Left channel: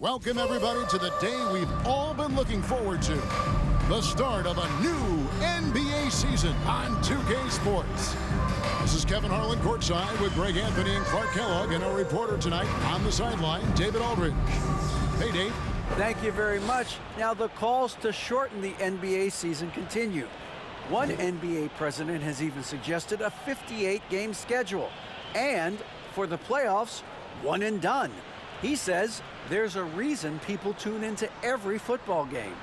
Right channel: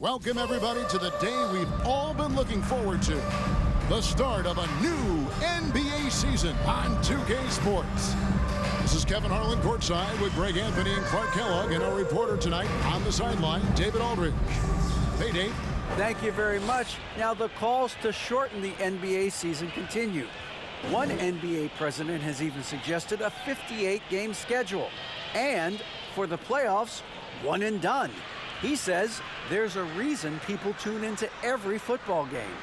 Welcome, everybody, to the day we've all been looking forward to. The start of a new NBA season on 2K Sports. This is Kevin Harlan courtside with Greg Anthony and Clark Kellogg, and our reporter tonight on the sideline, David Aldridge. Hey, Dave. Thank you very much. Now, the calls to shorten the NBA season continue. One NBA president has even suggested a 58-game schedule. And for the playoffs, one and done. He says there's a reason people tune into every football game.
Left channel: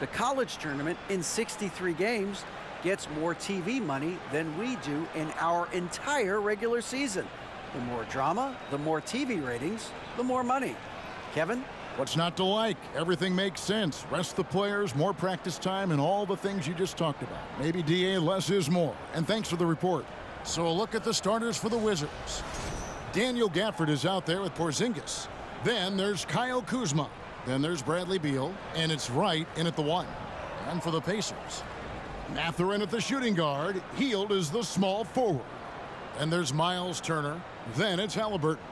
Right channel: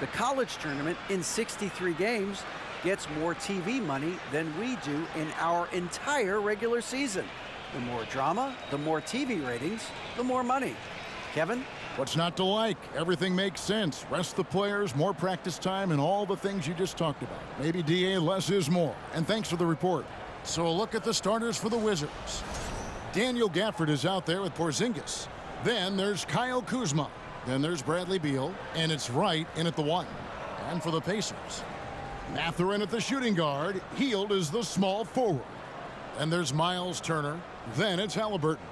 The college tournament in 63 games gets more TV money than we do in our entire regular season. The more drama, the more TV ratings, the more money. Kevin? What's not to like? Everything makes sense. Rest the players, more practice time, and all the things you just talked about. Maybe, DA, less is more. And thanks for the report. So a look at the starters for the Wizards. Daniel Gafford is out there with Porzingis. Then there's Kyle Kuzma. Then there's Bradley Beal. And it's Wright in at the 1. And for the Pacers, Mathurin at the shooting guard. Hield is the small forward. Then there's Miles Turner. Then it's Halliburton.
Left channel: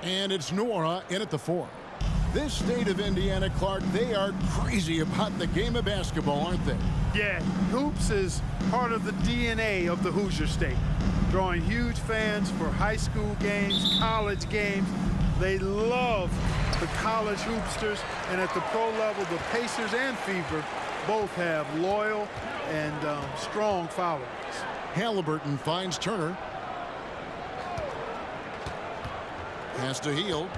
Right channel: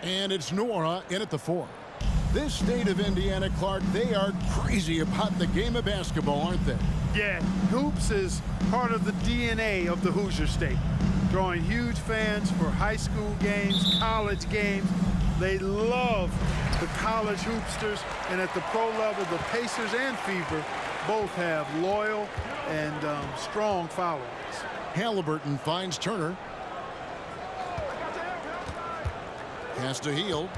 And it's Nora in at the 4. This state of Indiana, Clark, they are crazy about the game of basketball, aren't they? Yeah, hoops is part of the DNA of the Hoosier State. Drawing huge fans for high school games, college games. They love the college hoopsters, and at the pro level, the Pacers and Fever both have loyal and strong followings. Halliburton finds Turner. Pass to Hield.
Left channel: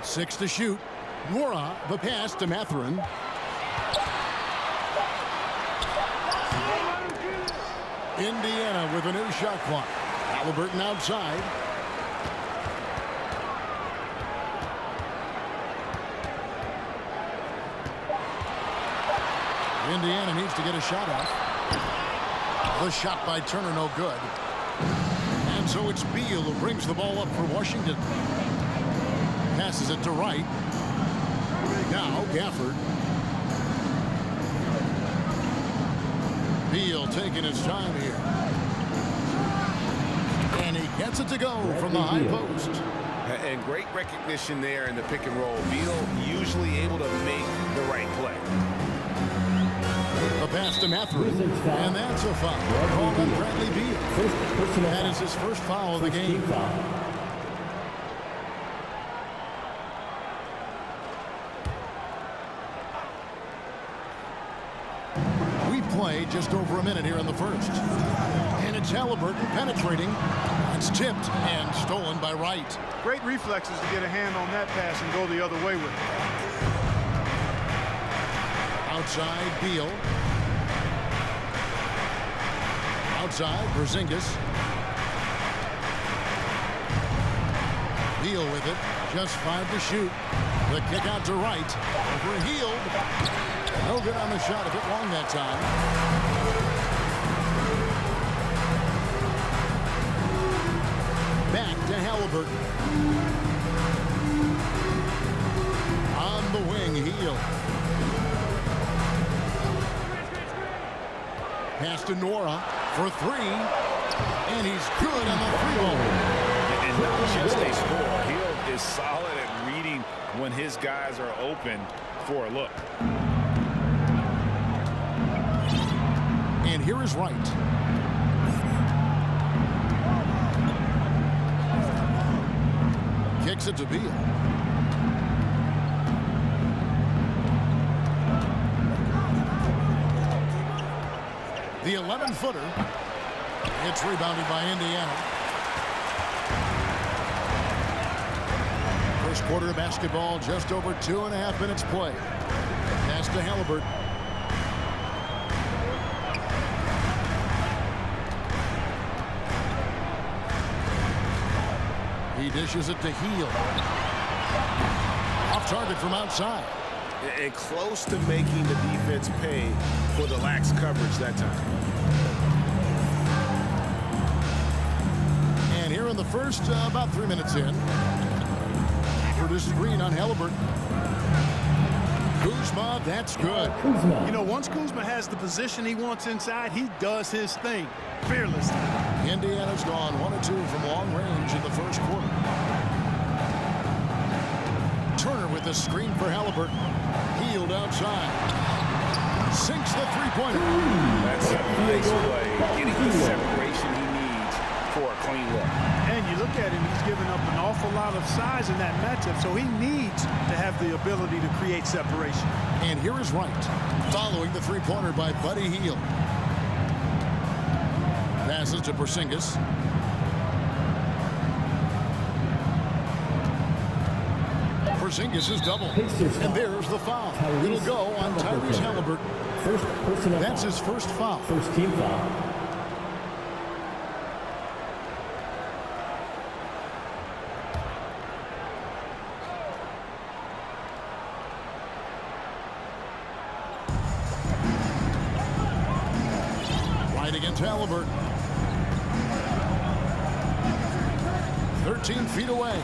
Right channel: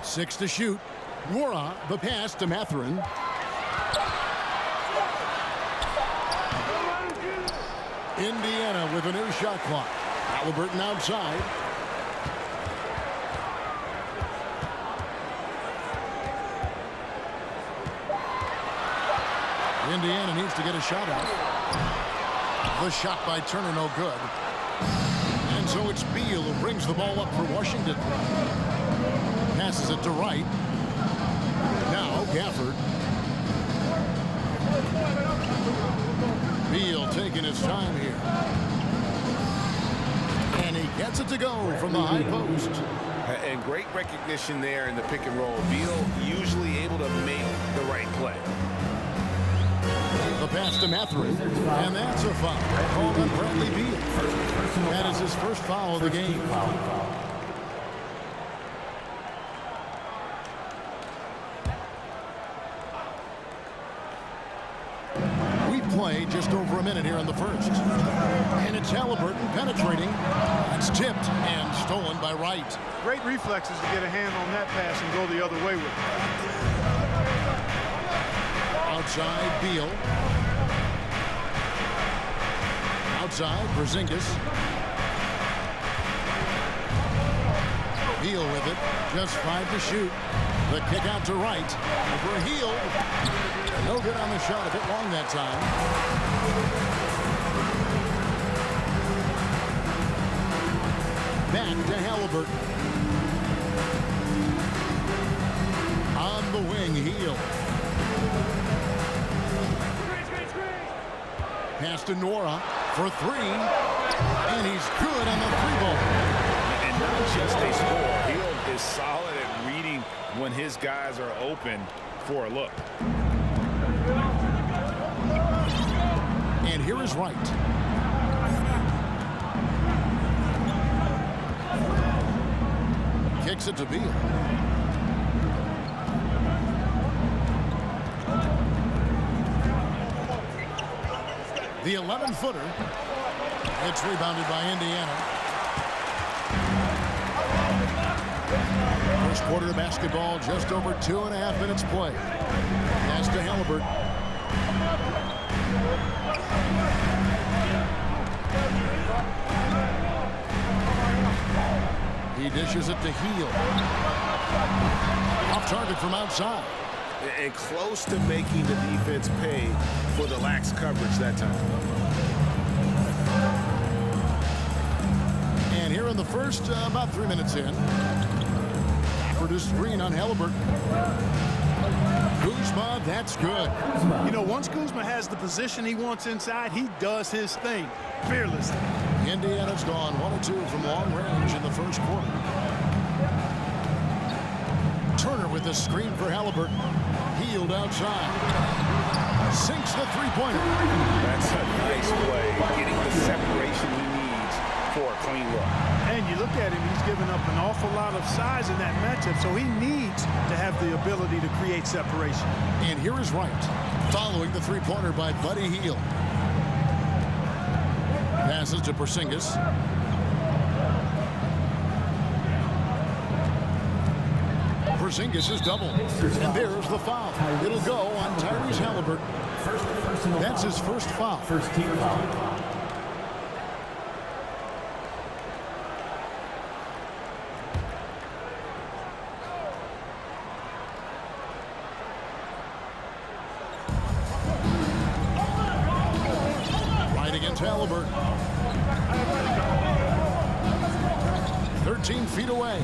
6 to shoot. Nora, the pass to Mathurin. Indiana with a new shot clock. Halliburton outside. Indiana needs to get a shot out. The shot by Turner, no good. And so it's Beal who brings the ball up for Washington. Passes it to Wright. Now Gafford. Beal taking his time here. And he gets it to go from the high post. And great recognition there in the pick and roll. Beal usually able to make the right play. The pass to Mathurin. And that's a foul. Called on Bradley Beal. That is his first foul of the game. Play just over a minute here in the first. And it's Halliburton penetrating. It's tipped and stolen by Wright. Great reflexes to get a hand on that pass and go the other way with it. Outside, Beal. Outside, Porzingis. Beal with it. Just 5 to shoot. The kick out to Wright. Over Hield. No good on the shot, a bit long that time. Back to Halliburton. On the wing, Hield. Pass to Nora for 3. And he's good on the 3-ball. And not just a score. Hield is solid at reading when his guys are open for a look. And here is Wright. Kicks it to Beal. The 11-footer. It's rebounded by Indiana. First quarter of basketball, just over 2.5 minutes play. Pass to Halliburton. He dishes it to Hield. Off target from outside. And close to making the defense pay for the lax coverage that time. And here in the first, about 3 minutes in. For the screen on Halliburton. Kuzma, that's good. You know, once Kuzma has the position he wants inside, he does his thing fearlessly. Indiana's gone 1 of 2 from long range in the first quarter. Turner with the screen for Halliburton. Healed outside. Sinks the three-pointer. That's a nice play. Getting the separation he needs for a clean look. And you look at him, he's given up an awful lot of size in that matchup, so he needs to have the ability to create separation. And here is Wright, following the three-pointer by Buddy Hield. Passes to Porzingis. Porzingis is doubled. And there's the foul. It'll go on Tyrese Halliburton. That's his first foul. First team foul. Right against Halliburton. 13 feet away.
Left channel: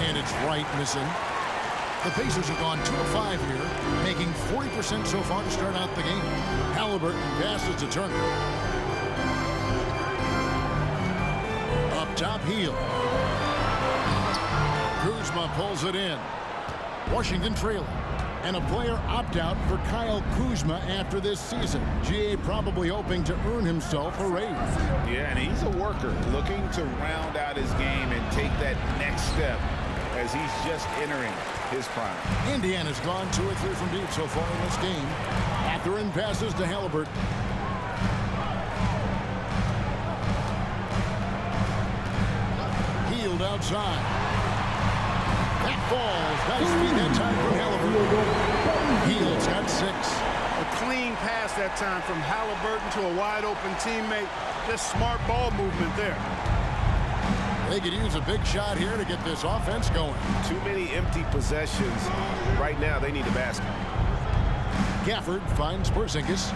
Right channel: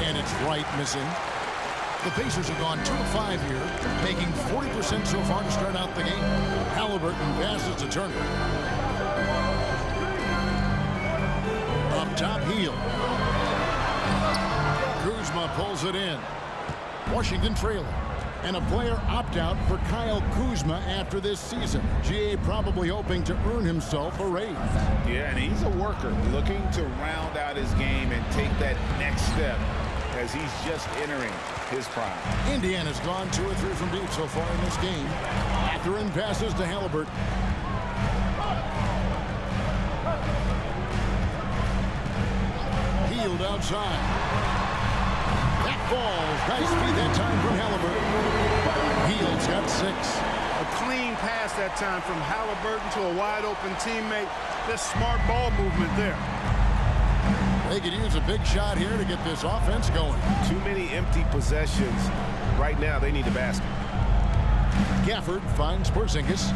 And it's Wright missing. The Pacers have gone 2 of 5 here, making 40% so far to start out the game. Halliburton passes to Turner. Up top, Hield. Kuzma pulls it in. Washington trailing. And a player opt-out for Kyle Kuzma after this season. GA probably hoping to earn himself a raise. Yeah, and he's a worker, looking to round out his game and take that next step as he's just entering his prime. Indiana's gone 2 or 3 from deep so far in this game. Mathurin passes to Halliburton. Hield outside. That falls. Nice feed that time from Halliburton. Hield's got 6. A clean pass that time from Halliburton to a wide-open teammate. Just smart ball movement there. They could use a big shot here to get this offense going. Too many empty possessions. Right now, they need a basket. Gafford finds Porzingis.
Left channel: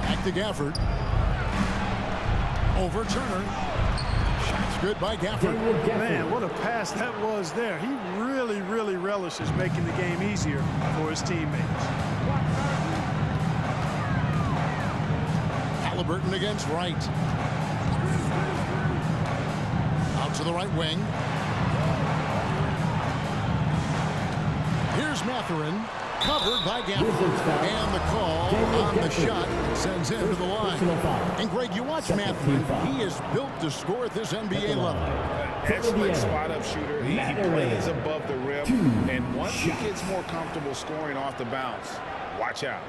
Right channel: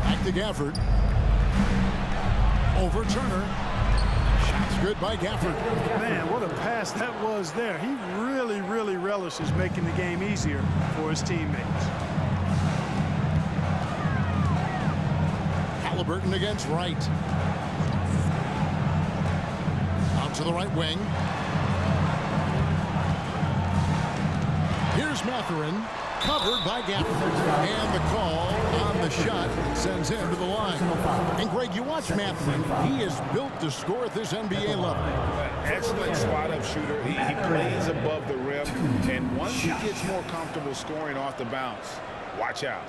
Back to Gafford. Over Turner. Shots good by Gafford. Man, what a pass that was there. He really, really relishes making the game easier for his teammates. Halliburton against Wright. Out to the right wing. Here's Mathurin, covered by Gafford. And the call on the shot sends him to the line. And Greg, you watch Mathurin. He is built to score at this NBA level. Excellent spot-up shooter. He plays above the rim. And once he gets more comfortable scoring off the bounce, watch out.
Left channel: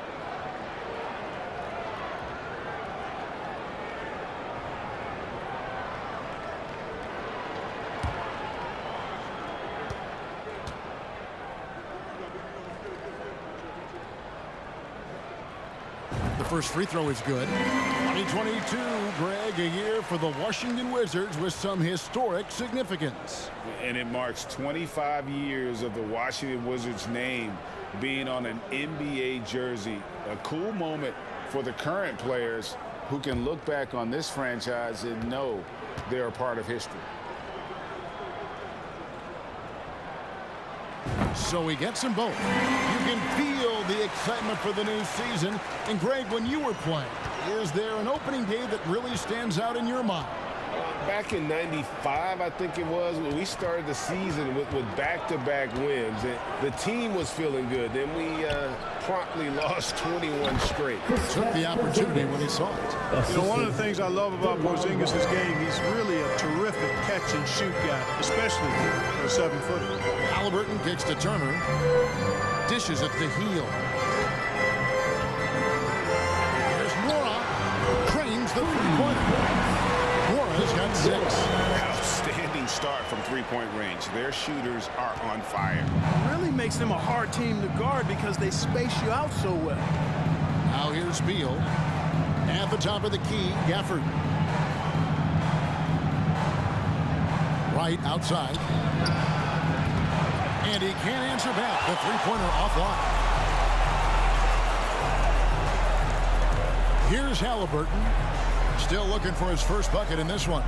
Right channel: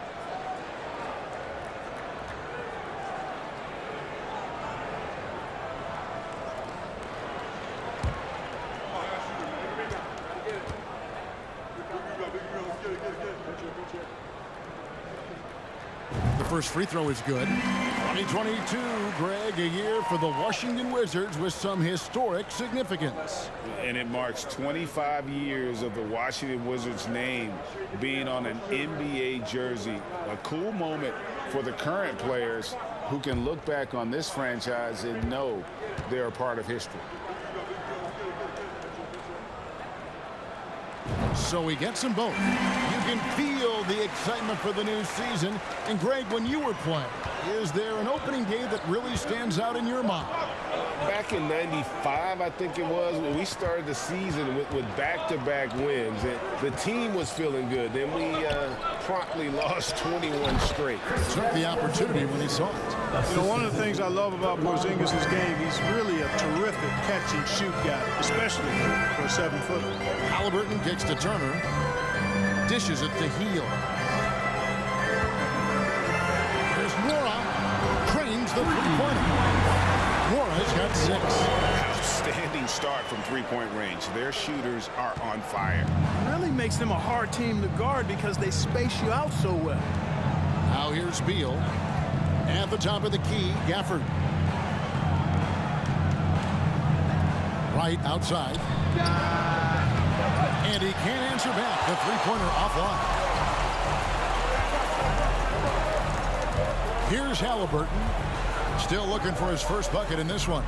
The first free throw is good. 2022, Greg, a year for the Washington Wizards with some historic significance. And it marks 25 years of the Washington Wizards name being on an NBA jersey. A cool moment for the current players who can look back on this franchise and know they're a part of history. So he gets them both. You can feel the excitement for the new season. And Greg, when you were playing, is there an opening day that really stands out in your mind? Back in '95, I think it was, when we started the season with back-to-back wins. The team was feeling good. Then we promptly lost 21 straight. Took the opportunity when he saw it. You know, one of the things I love about Porzingis' game, he's really a terrific catch-and-shoot guy, especially for a 7-footer. Halliburton kicks to Turner. Dishes it to Hield. Here's Mora. Cranes the three-pointer. Mora's got 6. Outstanding start from three-point range. Their shooters are on fire. Really makes them a hard team to guard because they space you out so well. Now here's Beal. At the top of the key, Gafford. Right outside. And he can't answer back. The three-pointer offline. Here's Halliburton. Still looking for his first bucket in this one.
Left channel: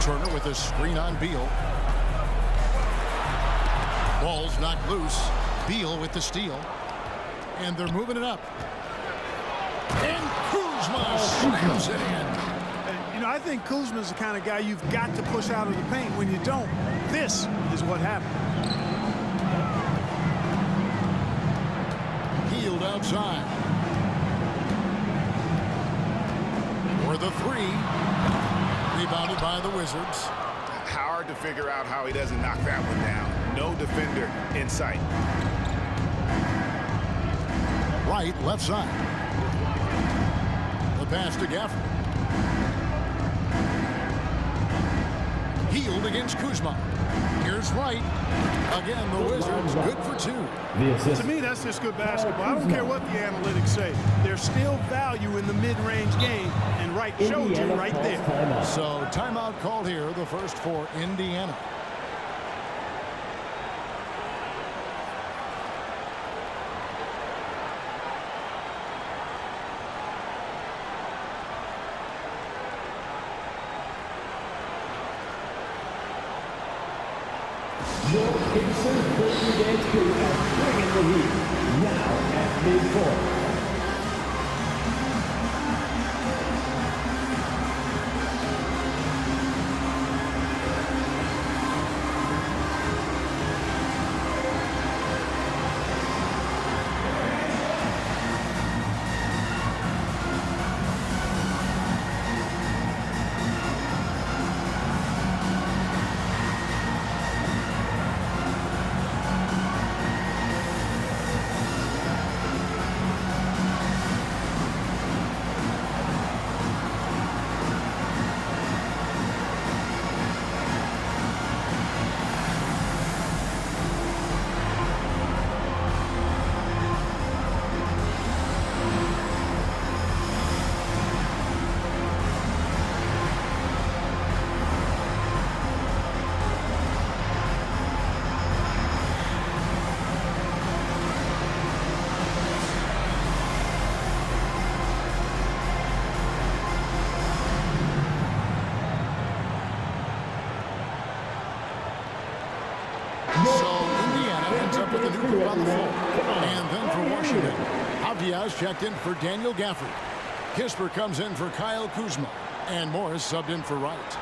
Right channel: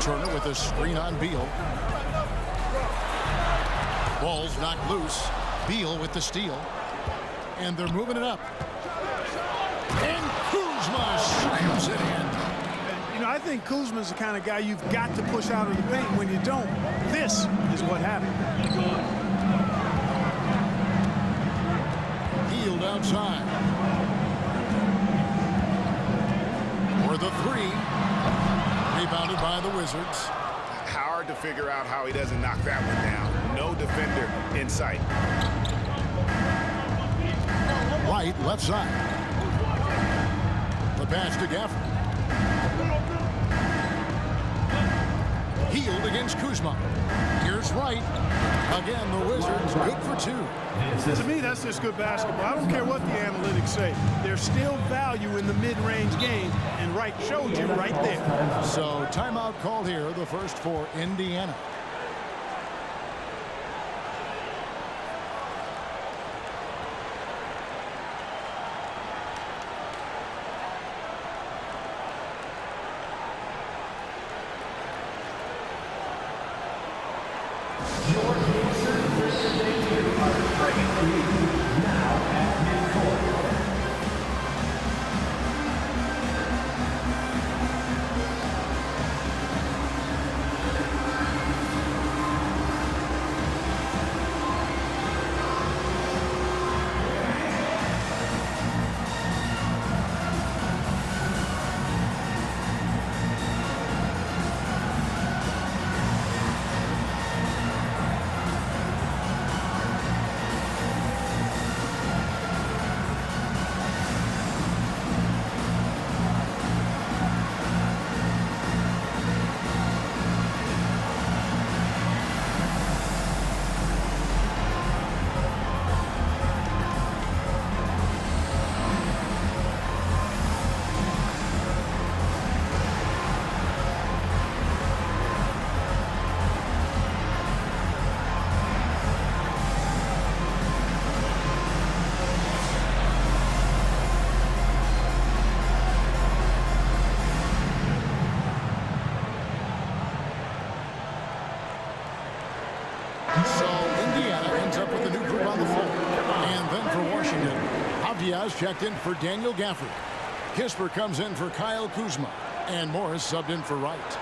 Turner with a screen on Beal. Ball's knocked loose. Beal with the steal. And they're moving it up. And Kuzma slams it in. And, You know, I think Kuzma's the kind of guy you've got to push out of the paint. When you don't, this is what happened. Healed outside. For the three. Rebounded by the Wizards. Hard to figure out how he doesn't knock that one down. No defender in sight. Right, left side. The pass to Gafford. Healed against Kuzma. Here's Wright. Again, the Wizards good for two. To me, that's just good basketball. I don't care what the analytics say. There's still value in the mid-range game, and Wright showed you right there. So timeout called here, the first for Indiana. Your Gibson Christian Day crew are bringing the heat. Now at midcourt. So Indiana ends up with a new group on the floor. And then for Washington, Avdiaz checked in for Daniel Gafford. Kisper comes in for Kyle Kuzma. And Morris subbed in for Wright.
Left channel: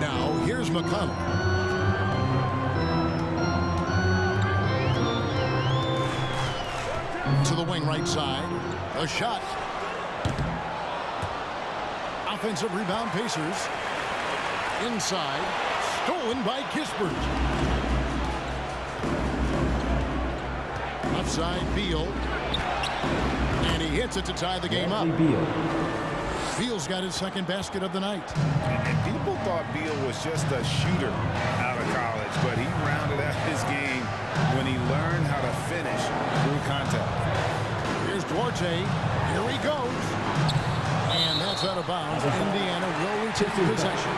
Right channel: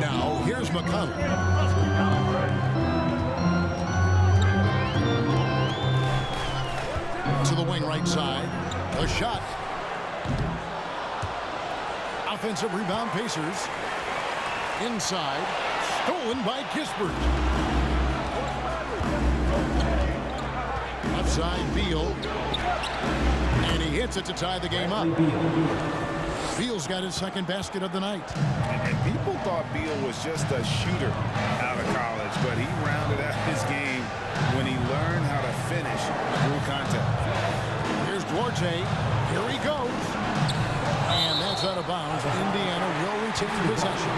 Now, here's McConnell. To the wing right side. A shot. Offensive rebound, Pacers. Inside. Stolen by Kispert. Left side, Beal. And he hits it to tie the game up. Beal's got his second basket of the night. And people thought Beal was just a shooter out of college, but he rounded out his game when he learned how to finish through contact. Here's Duarte. Here he goes. And that's out of bounds. Indiana will retain possession.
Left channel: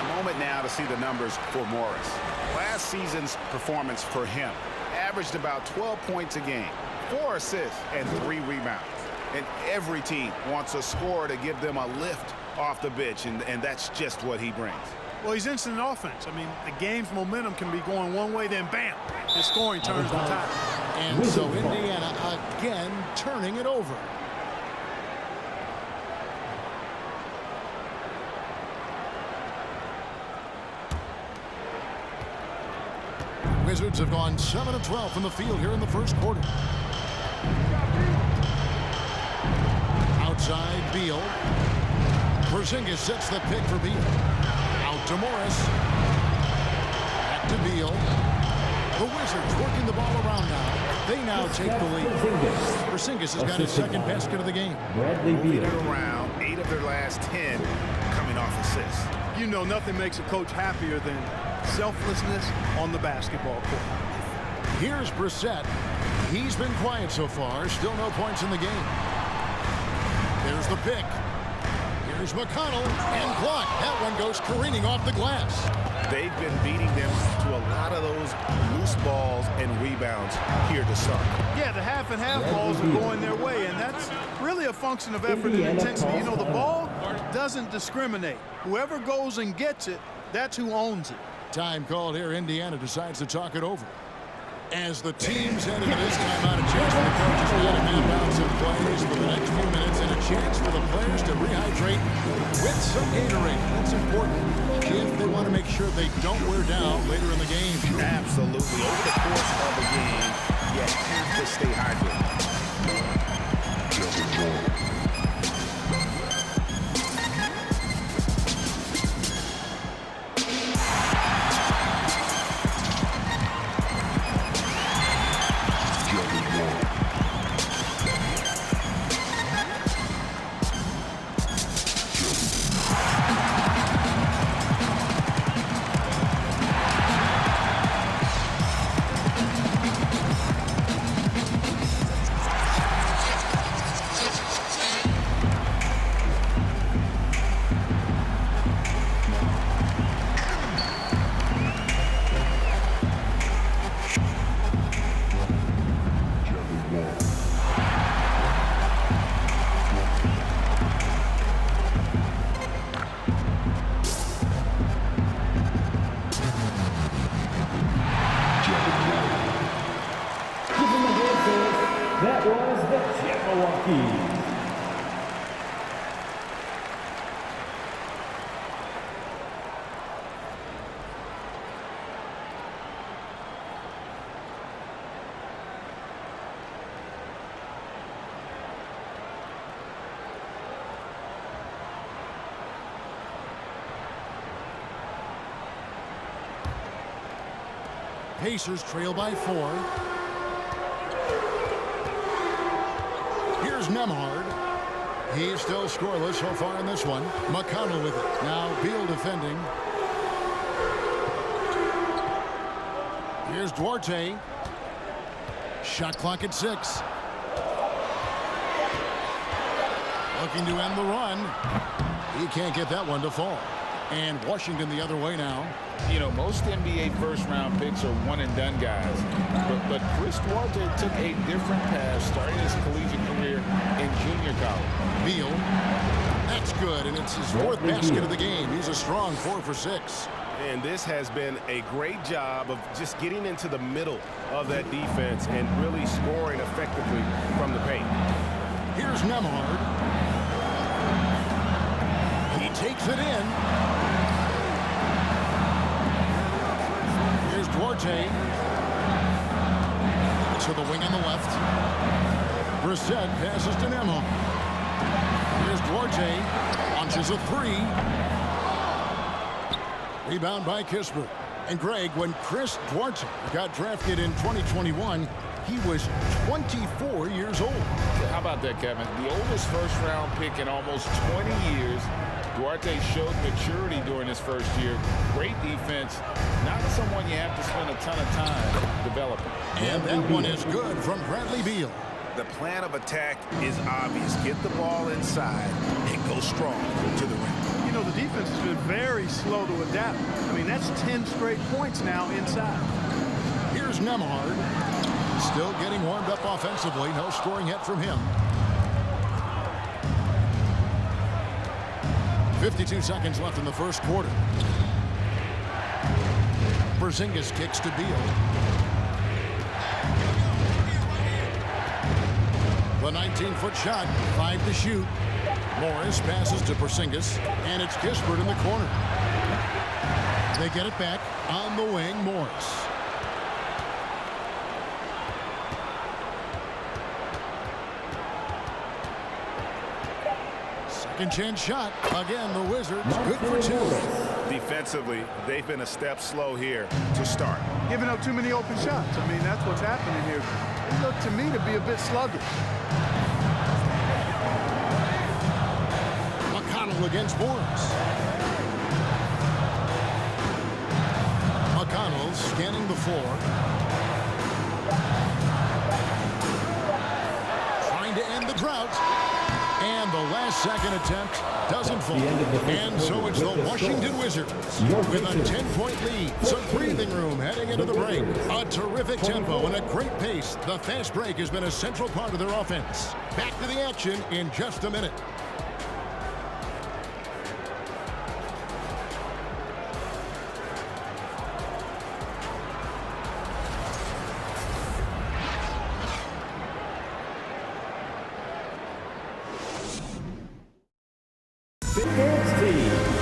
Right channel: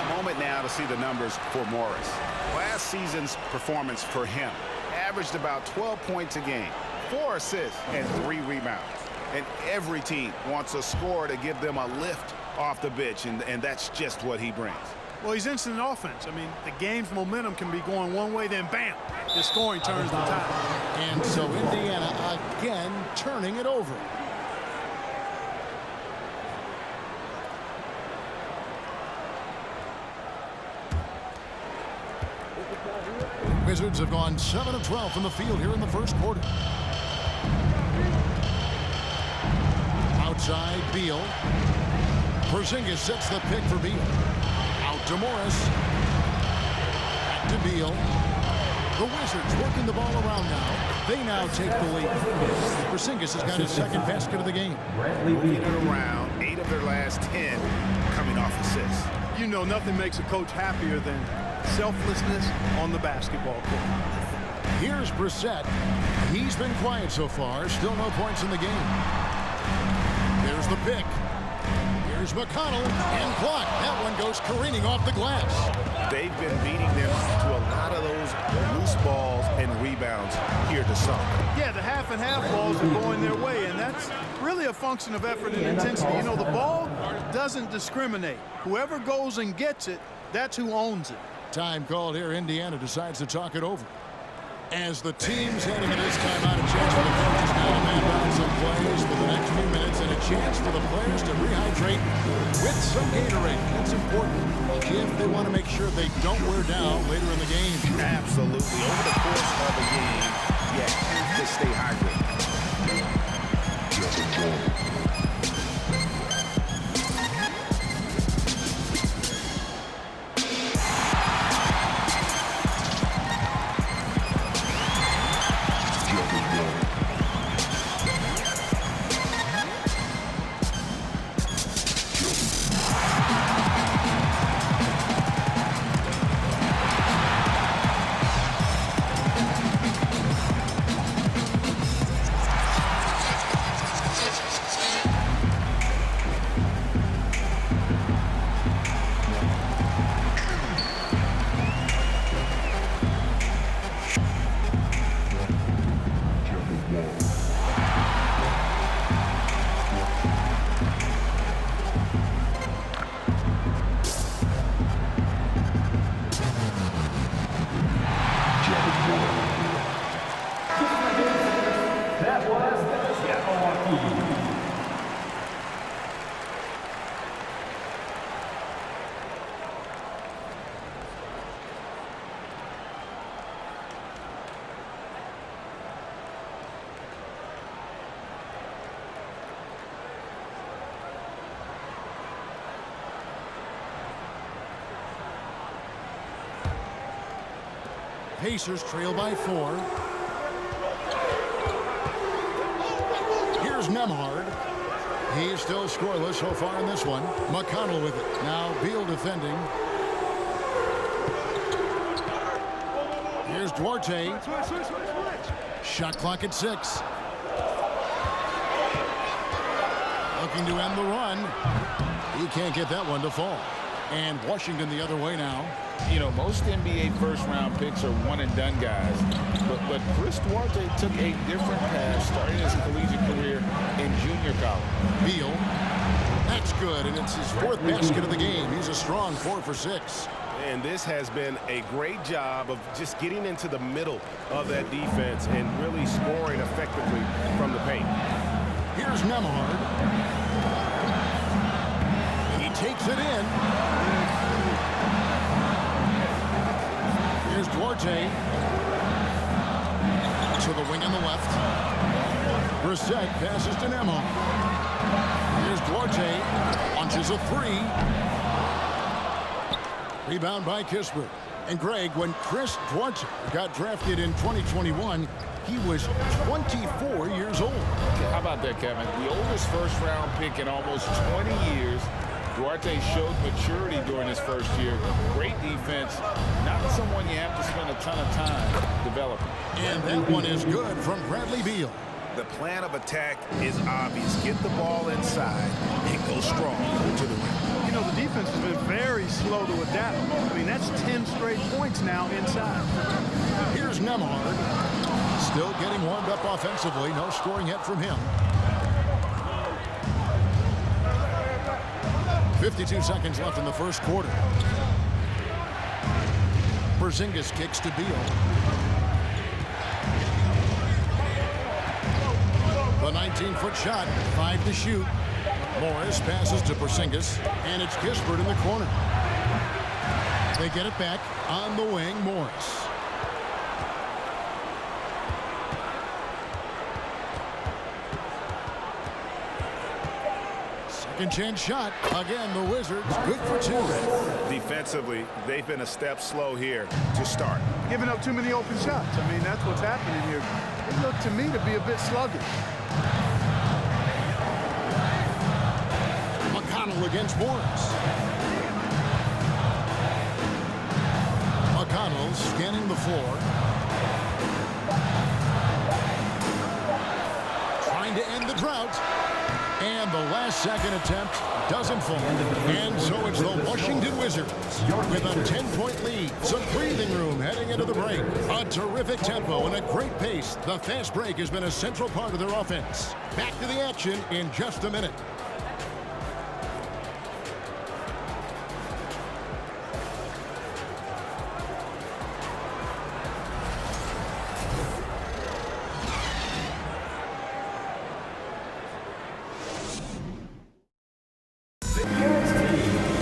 A moment now to see the numbers for Morris. Last season's performance for him averaged about 12 points a game, 4 assists, and 3 rebounds. And every team wants a scorer to give them a lift off the bench, and that's just what he brings. Well, he's instant offense. I mean, the game's momentum can be going one way, then bam, his scoring turns the tide. And so Indiana again turning it over. Wizards have gone 7 of 12 from the field here in the first quarter. Outside, Beal. Porzingis sets the pick for Beal. Out to Morris. Back to Beal. The Wizards working the ball around now. They now take the lead. Porzingis has got his second basket of the game. Moving it around, 8 of their last 10 coming off assists. You know, nothing makes a coach happier than selflessness on the basketball court. Here's Brissett. He's been quiet so far. Still no points in the game. There's the pick. Here's McConnell and blocked. That one goes careening off the glass. they've been beating them to a lot of those loose balls and rebounds here to start. Yeah, the half and half balls are going their way, and that's really a function of effort and intensity. You know, the ball doesn't discriminate. Whoever goes and gets it, that's who owns it. Time called here. Indiana decides to talk it over. As the teams head into this timeout, a chance for the coaches now to map out some plays for the next few minutes and a chance for the players to rehydrate with some Gatorade. That's important if they want to make sure they don't wear down later in the game. Absolutely. Over the course of a game, you have to stay hydrated. That was the Jabberwocky. Pacers trail by 4. Here's Nemhard. He's still scoreless so far in this one. McConnell with it. Now Beal defending. Here's Duarte. Shot clock at 6. Looking to end the run. He can't get that one to fall. And Washington the other way now. You know, most NBA first-round picks are one-and-done guys. But Chris Duarte took a different path starting his collegiate career in junior college. Beal. That's good, and it's his 4th basket of the game. He's a strong 4 for 6. And this has been a great job of just getting into the middle of that defense and really scoring effectively from the paint. Here's Nemhard. He takes it in. Here's Duarte. To the wing on the left. Brissett passes to Nemhard. Here's Duarte. Launches a 3. Rebound by Kispert. And Greg, when Chris Duarte got drafted in 2021, he was 24 years old. How about that, Kevin? The oldest first-round pick in almost 20 years. Duarte showed maturity during his first year. Great defense. Not someone you have to spend a ton of time developing. And that one is good from Bradley Beal. The plan of attack is obvious. Get the ball inside and go strong to the rim. You know, the defense has been very slow to adapt. I mean, that's 10 straight points now inside. Here's Nemhard. Still getting warmed up offensively. No scoring yet from him. 52 seconds left in the first quarter. Porzingis kicks to Beal. The 19-foot shot, 5 to shoot. Morris passes to Porzingis, and it's Kispert in the corner. They get it back on the wing, Morris. Second chance shot. Again, the Wizards good for 2. Defensively, they've been a step slow here to start. Giving up too many open shots. I mean, that's what's happening here. It looked to me to be a bit sluggish. McConnell against Morris. McConnell scanning the floor. Trying to end the drought. And the last second attempt doesn't fall. And so it's the Washington Wizards with a 10-point lead. Some breathing room heading into the break. A terrific tempo and a great pace. The fast break has been a central part of their offense. Back to the action in just a minute.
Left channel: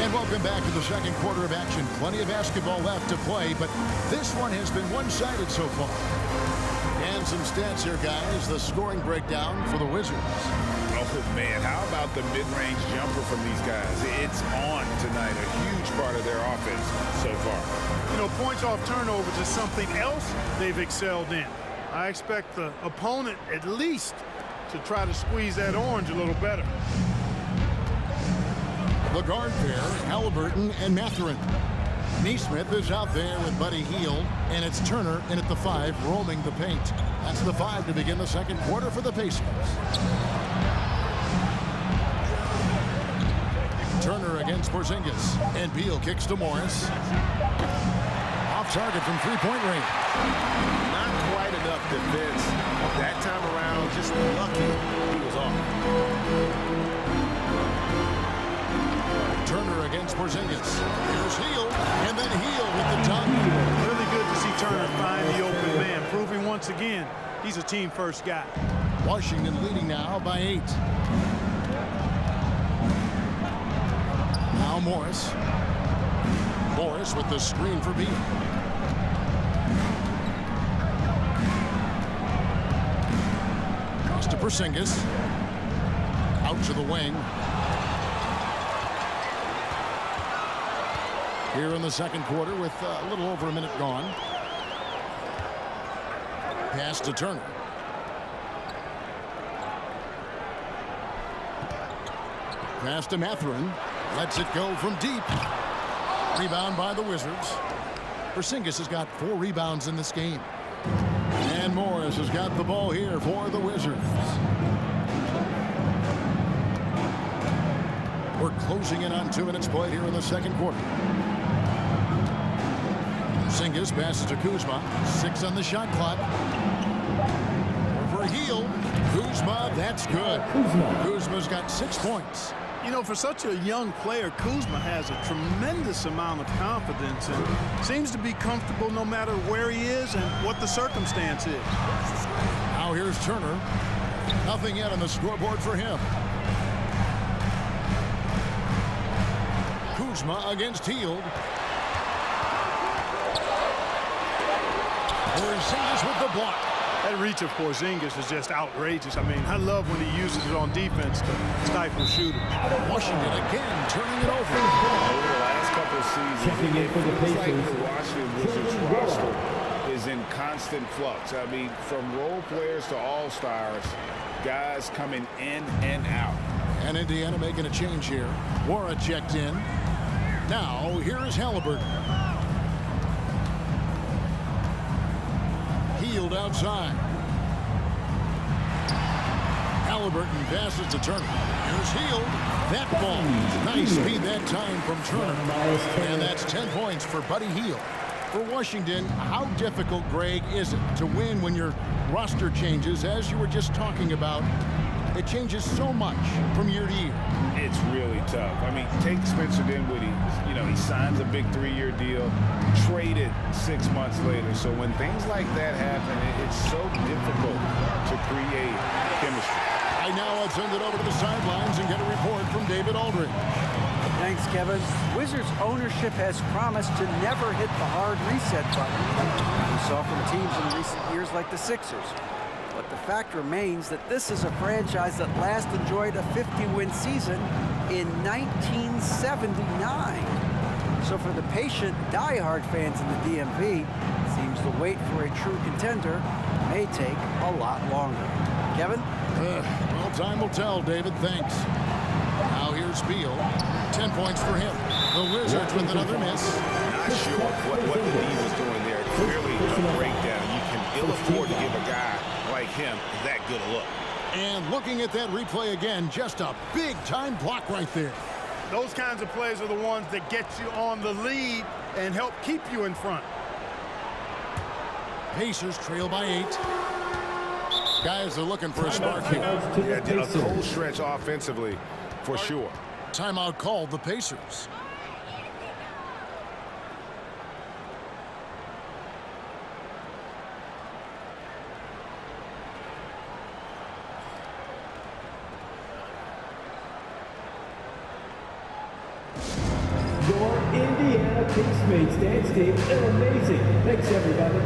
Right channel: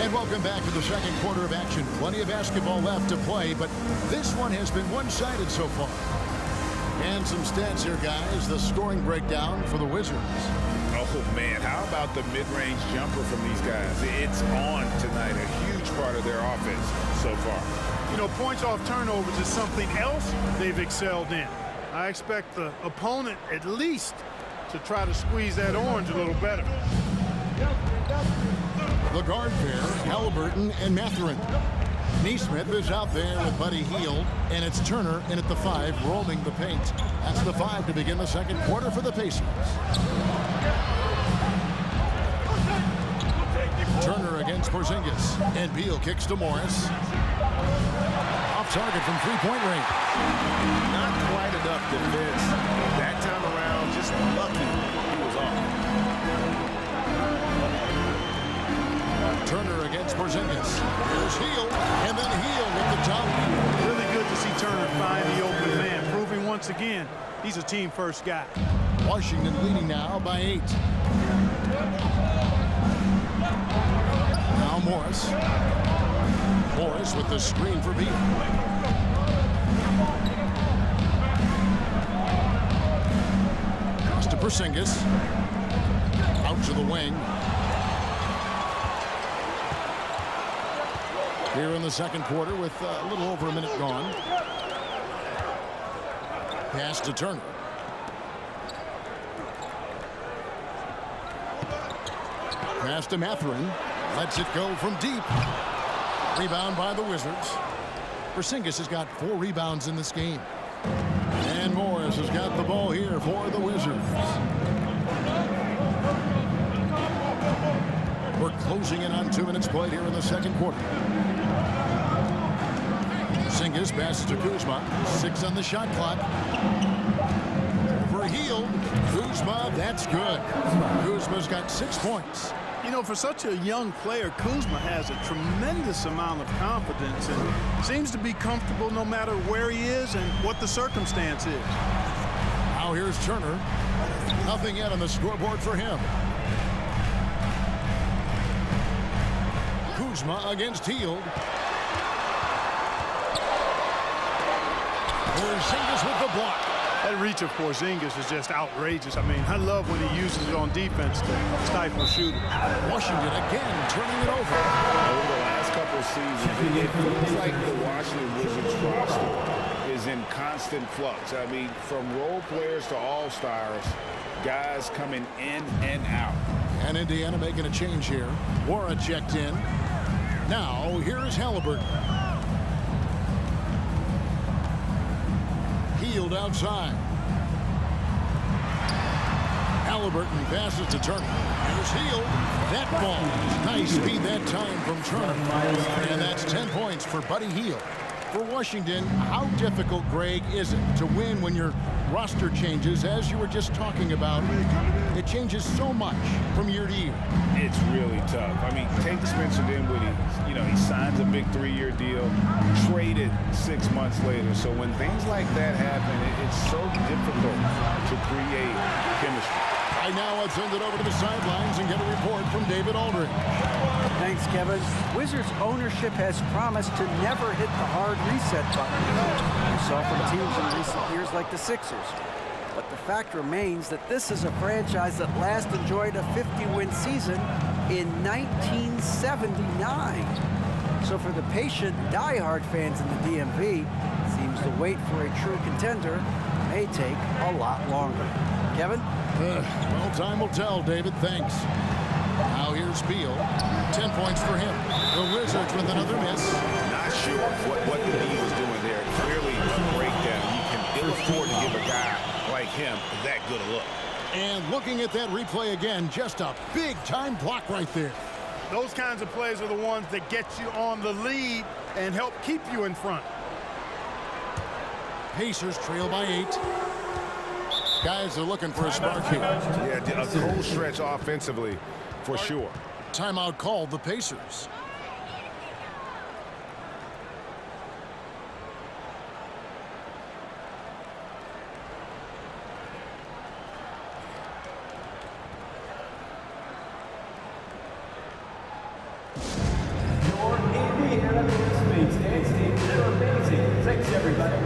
And welcome back to the second quarter of action. Plenty of basketball left to play, but this one has been one-sided so far. And some stats here, guys. The scoring breakdown for the Wizards. Oh, man, how about the mid-range jumper from these guys? It's on tonight, a huge part of their offense so far. You know, points off turnovers is something else they've excelled in. I expect the opponent at least to try to squeeze that orange a little better. The guard pair, Halliburton and Mathurin. Neesmith is out there with Buddy Hield, and it's Turner in at the 5, roaming the paint. That's the 5 to begin the second quarter for the Pacers. Turner against Porzingis, and Beal kicks to Morris. Off target from three-point range. Not quite enough defense that time around. Just lucky he was off. Turner against Porzingis. Here's Hield, and then Hield with the dunk. Really good to see Turner find the open man, proving once again he's a team-first guy. Washington leading now by 8. Now Morris. Morris with the screen for Beal. Cross to Porzingis. Out to the wing. Here in the second quarter with a little over a minute gone. Pass to Turner. Pass to Mathurin. Lets it go from deep. Rebound by the Wizards. Porzingis has got 4 rebounds in this game. And Morris has got the ball here for the Wizards. We're closing in on 2 minutes played here in the second quarter. Porzingis passes to Kuzma. 6 on the shot clock. Over Hield. Kuzma, that's good. Kuzma's got 6 points. You know, for such a young player, Kuzma has a tremendous amount of confidence and seems to be comfortable no matter where he is and what the circumstance is. Now here's Turner. Nothing yet on the scoreboard for him. Kuzma against Hield. Porzingis with the block. That reach of Porzingis is just outrageous. I mean, I love when he uses it on defense to stifle shooters. Washington again turning it over. Over the last couple of seasons, it feels like the Washington Wizards roster is in constant flux. I mean, from role players to all-stars, guys coming in and out. And Indiana making a change here. Wara checked in. Now, here is Halliburton. Hield outside. Halliburton passes to Turner. Here's Hield. That ball. Nice speed that time from Turner. And that's 10 points for Buddy Hield. For Washington, how difficult, Greg, is it to win when your roster changes, as you were just talking about? It changes so much from year to year. It's really tough. I mean, take Spencer Dinwiddie. You know, he signs a big 3-year deal, traded 6 months later. So when things like that happen, it's so difficult to create chemistry. Right now, let's send it over to the sidelines and get a report from David Aldridge. Thanks, Kevin. Wizards ownership has promised to never hit the hard reset button we saw from teams in recent years like the Sixers. But the fact remains that this is a franchise that last enjoyed a 50-win season in 1979. So for the patient, die-hard fans in the DMV, it seems the wait for a true contender may take a lot longer. Kevin? Well, time will tell, David. Thanks. Now here's Beal. 10 points for him. The Wizards with another miss. Not sure what the D was doing there. Clearly a breakdown. You can ill afford to give a guy like him that good a look. And looking at that replay again, just a big-time block right there. Those kinds of plays are the ones that get you on the lead and help keep you in front. Pacers trail by 8. Guys are looking for a spark here. Yeah, a cold stretch offensively for sure. Timeout called the Pacers. Your Indiana Kings dance team, they're amazing. Thanks, everybody.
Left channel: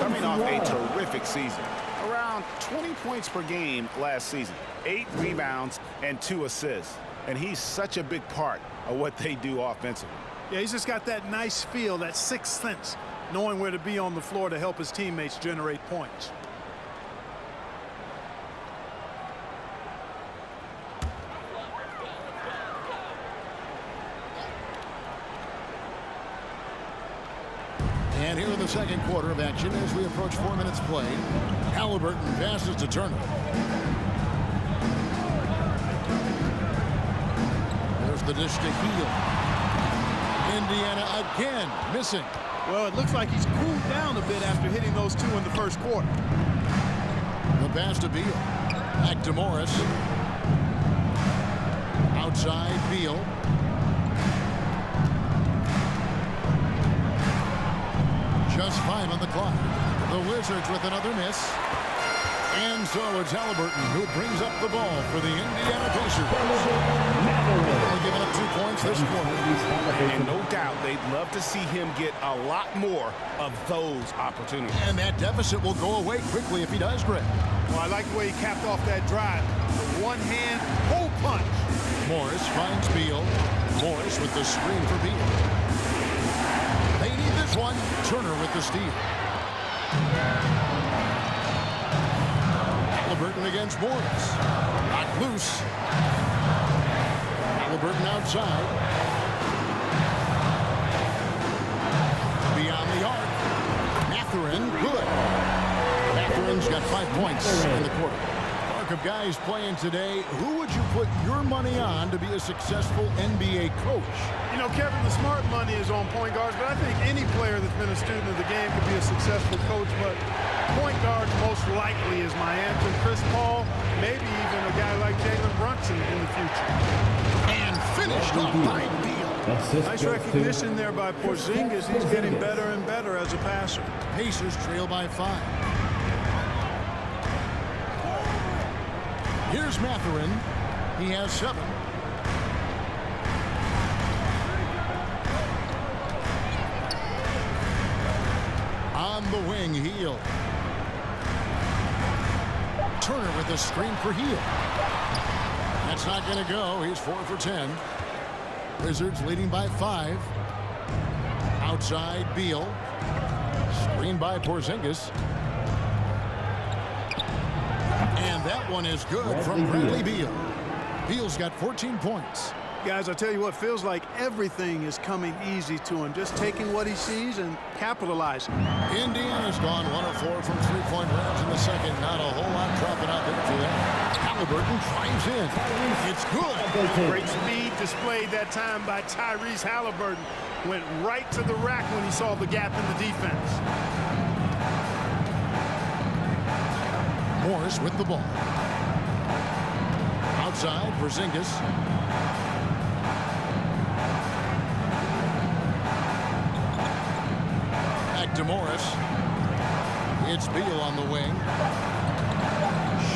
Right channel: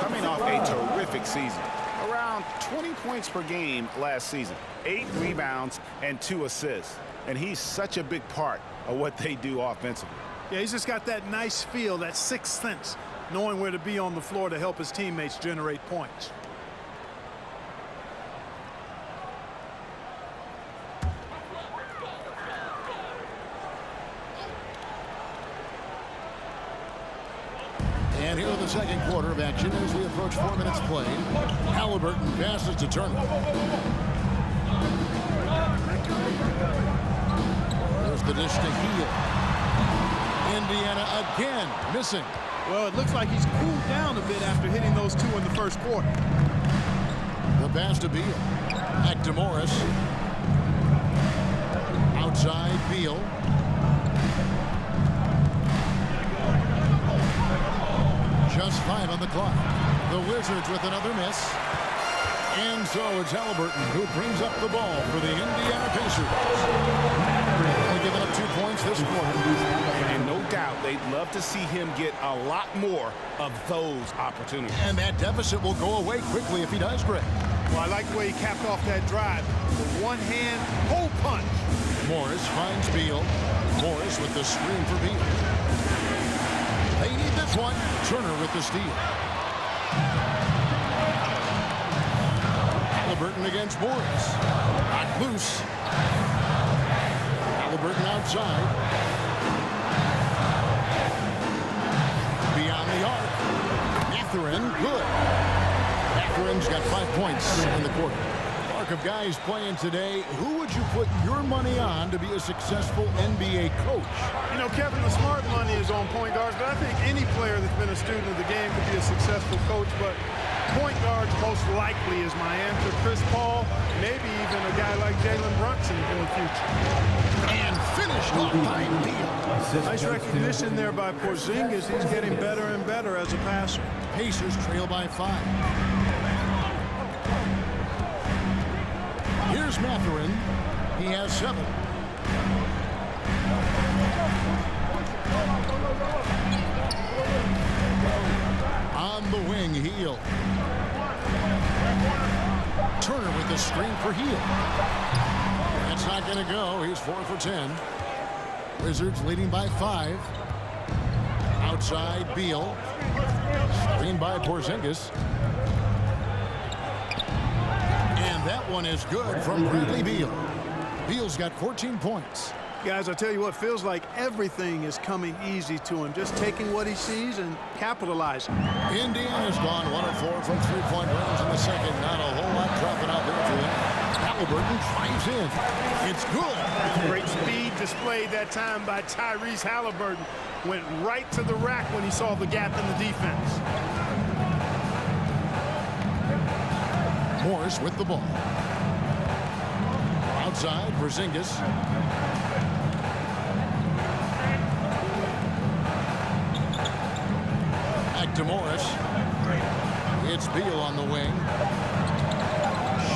Coming off a terrific season. Around 20 points per game last season. 8 rebounds and 2 assists. And he's such a big part of what they do offensively. Yeah, he's just got that nice feel, that sixth sense, knowing where to be on the floor to help his teammates generate points. And here in the second quarter of action as we approach 4 minutes played. Halliburton passes to Turner. There's the dish to Heel. Indiana again missing. Well, it looks like he's cooled down a bit after hitting those 2 in the first quarter. The pass to Beal. Back to Morris. Outside Beal. Just 5 on the clock. The Wizards with another miss. And so it's Halliburton who brings up the ball for the Indiana Pacers. Only giving up 2 points this quarter. And no doubt they'd love to see him get a lot more of those opportunities. And that deficit will go away quickly if he does, Greg. Well, I like the way he capped off that drive. The one-hand hole punch. Morris finds Beal. Morris with the screen for Beal. They need this one. Turner with the steal. Halliburton against Morris. Knocked loose. Halliburton outside. Beyond the arc. Mathurin, good. Mathurin's got 5 points in the quarter. Arc of guys playing today, who would you put your money on to be a successful NBA coach? You know, Kevin, the smart money is on point guards, but I think any player that's been a student of the game could be a successful coach, but point guards most likely is my answer. Chris Paul, maybe even a guy like Jalen Brunson in the future. And finished off by Beal. Nice recognition there by Porzingis. He's getting better and better as a passer. Pacers trail by 5. Here's Mathurin. He has 7. On the wing, Heel. Turner with the screen for Heel. That's not going to go. He's 4 for 10. Wizards leading by 5. Outside, Beal. Screen by Porzingis. And that one is good from Bradley Beal. Beal's got 14 points. Guys, I tell you what, feels like everything is coming easy to him. Just taking what he sees and capitalizing. Indiana's gone 1 of 4 from 3-point range in the second. Not a whole lot dropping out there for them. Halliburton drives in. It's good. Great speed displayed that time by Tyrese Halliburton. Went right to the rack when he saw the gap in the defense. Morris with the ball. Outside, Porzingis. Back to Morris. It's Beal on the wing.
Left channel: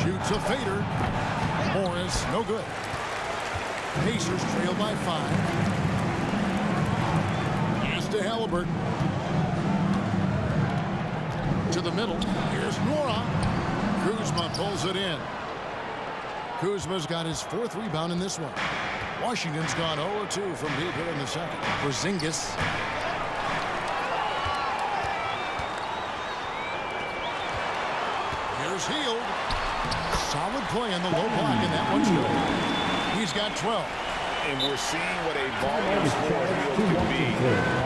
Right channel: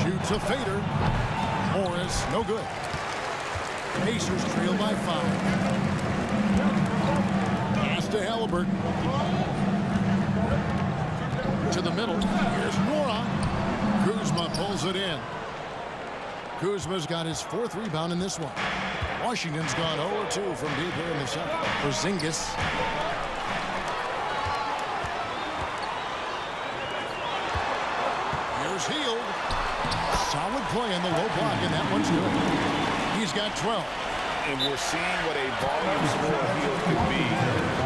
Shoots a fader. Morris, no good. Pacers trail by 5. Pass to Halliburton. To the middle. Here's Nora. Kuzma pulls it in. Kuzma's got his 4th rebound in this one. Washington's gone 0-2 from deep here in the second. Porzingis. Here's Hield. Solid play in the low block, and that one's good. He's got 12. And we're seeing what a volume scorer Hield can be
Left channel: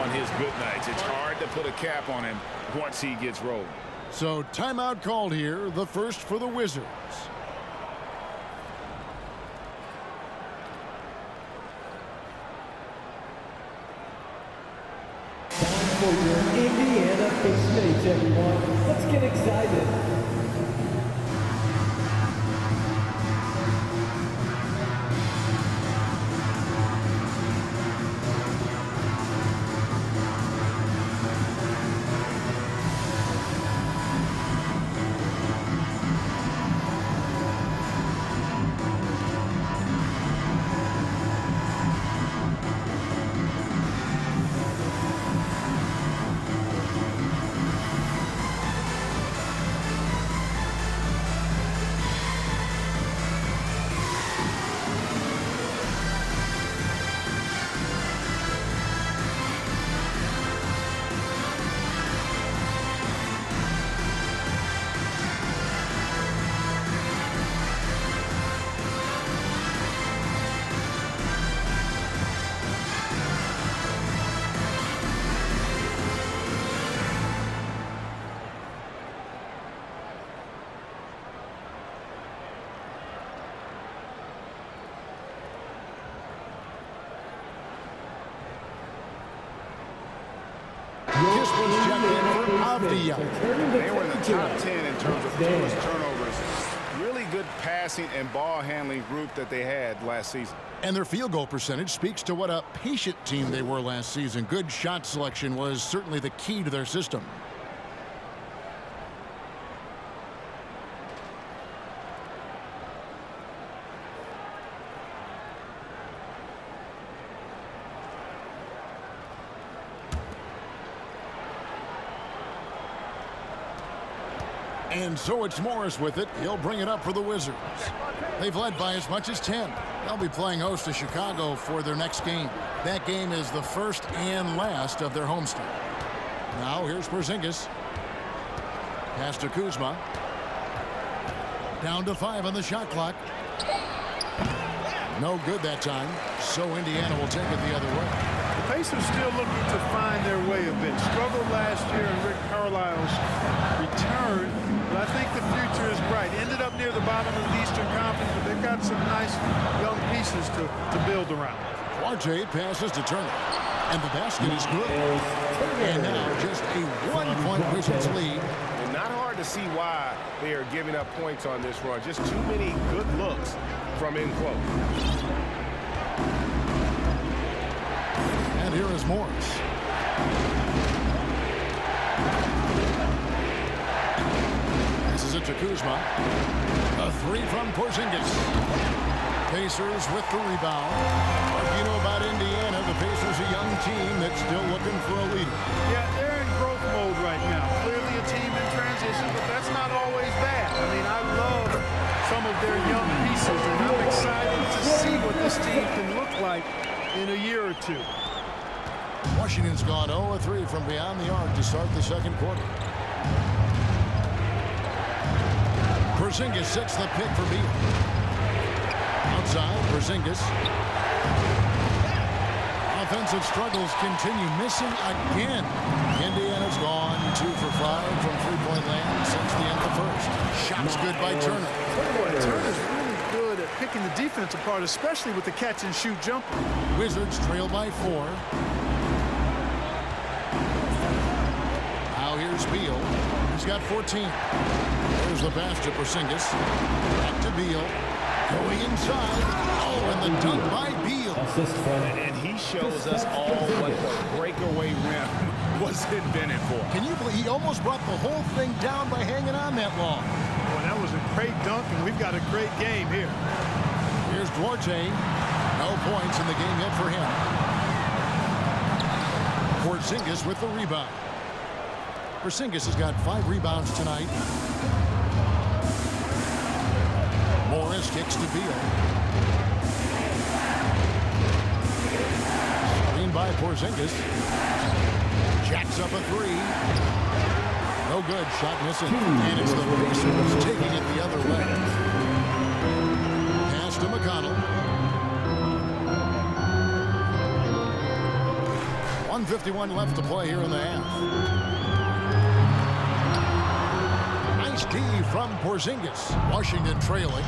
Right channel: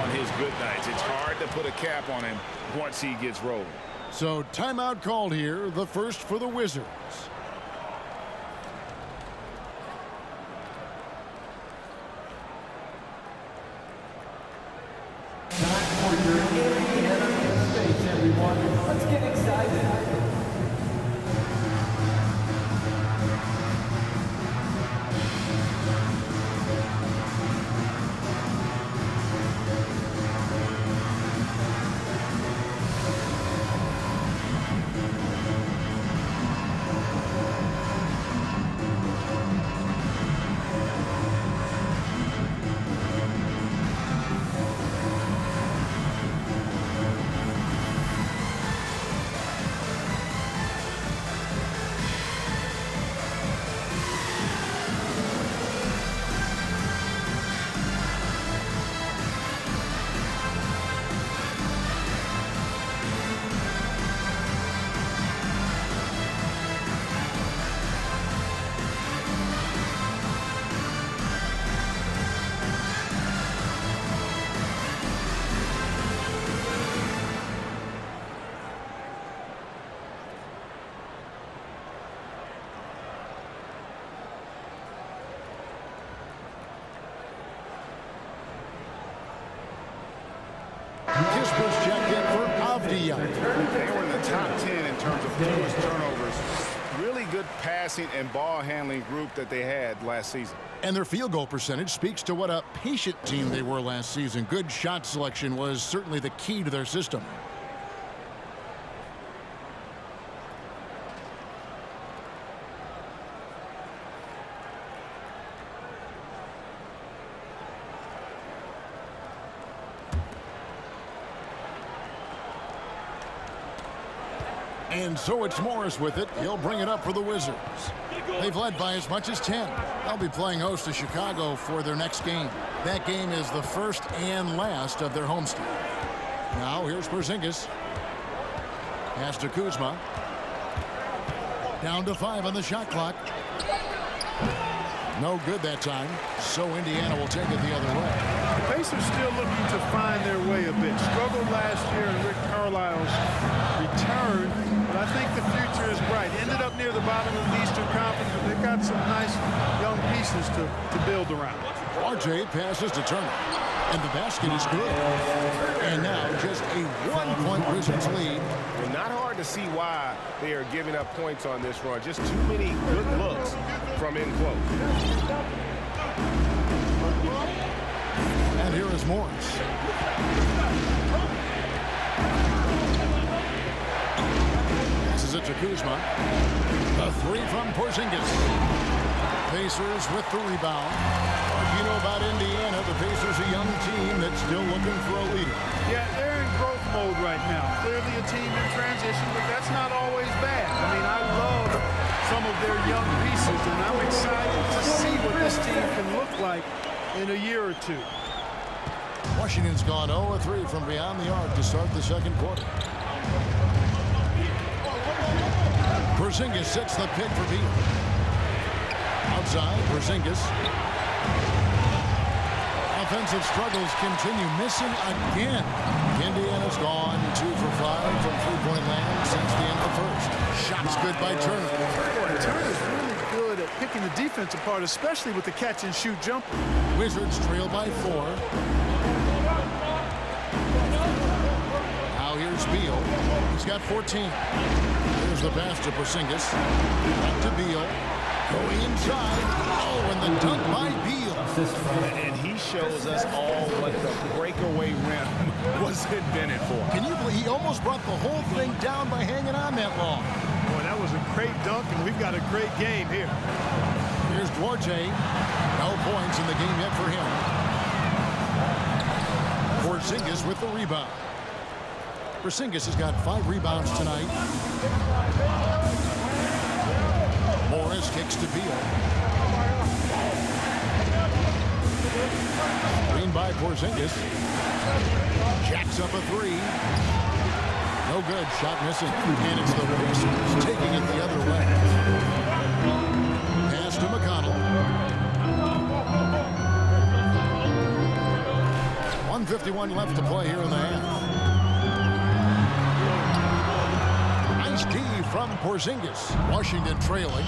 on his good nights. It's hard to put a cap on him once he gets rolling. So timeout called here, the first for the Wizards. Time for your Indiana States, everyone. Let's get excited. Kisper's checked in for Avdia. They were in the top 10 in terms of fewest turnovers. Really good passing and ball handling group that they had last season. And their field goal percentage speaks to what a patient team they were last season. Good shot selection was certainly the key to their system. And so it's Morris with it. He'll bring it up for the Wizards. They've led by as much as 10. They'll be playing host to Chicago for their next game. That game is the first and last of their homestand. Now here's Porzingis. Pass to Kuzma. Down to 5 on the shot clock. No good that time. So Indiana will take it the other way. The Pacers still looking to find their way a bit. Struggled last year in Rick Carlisle's return, but I think the future is bright. Ended up near the bottom of the Eastern Conference, but they've got some nice young pieces to build around. Duarte passes to Turner, and the basket is good. And now just a 1-point Wizards lead. And not hard to see why they are giving up points on this run. Just too many good looks from in close. And here is Morris. Passes it to Kuzma. A 3 from Porzingis. Pacers with the rebound. You know about Indiana, the Pacers a young team that's still looking for a leader. Yeah, they're in growth mode right now. Clearly a team in transition, but that's not always bad. I mean, I love some of their young pieces, and I'm excited to see what this team can look like in a year or two. Washington's gone 0-3 from beyond the arc to start the second quarter. Porzingis sets the pick for Beal. Outside, Porzingis. Offensive struggles continue, missing again. Indiana's gone 2 for 5 from three-point land since the end of the first. Shots good by Turner. Boy, Turner's really good at picking the defense apart, especially with the catch-and-shoot jumper. Wizards trail by 4. Now here's Beal. He's got 14. There's the pass to Porzingis. Back to Beal. Going inside. Oh, and the dunk by Beal. And he shows us all what the breakaway rim was invented for. Can you believe he almost brought the whole thing down by hanging on that long? Boy, that was a great dunk, and we've got a great game here. Here's Duarte. No points in the game yet for him. Porzingis with the rebound. Porzingis has got 5 rebounds tonight. Morris kicks to Beal. Screen by Porzingis. Jacks up a 3. No good. Shot missing. And it's the Pacers taking it the other way. Pass to McConnell. 1:51 left to play here in the half. Nice D from Porzingis. Washington trailing.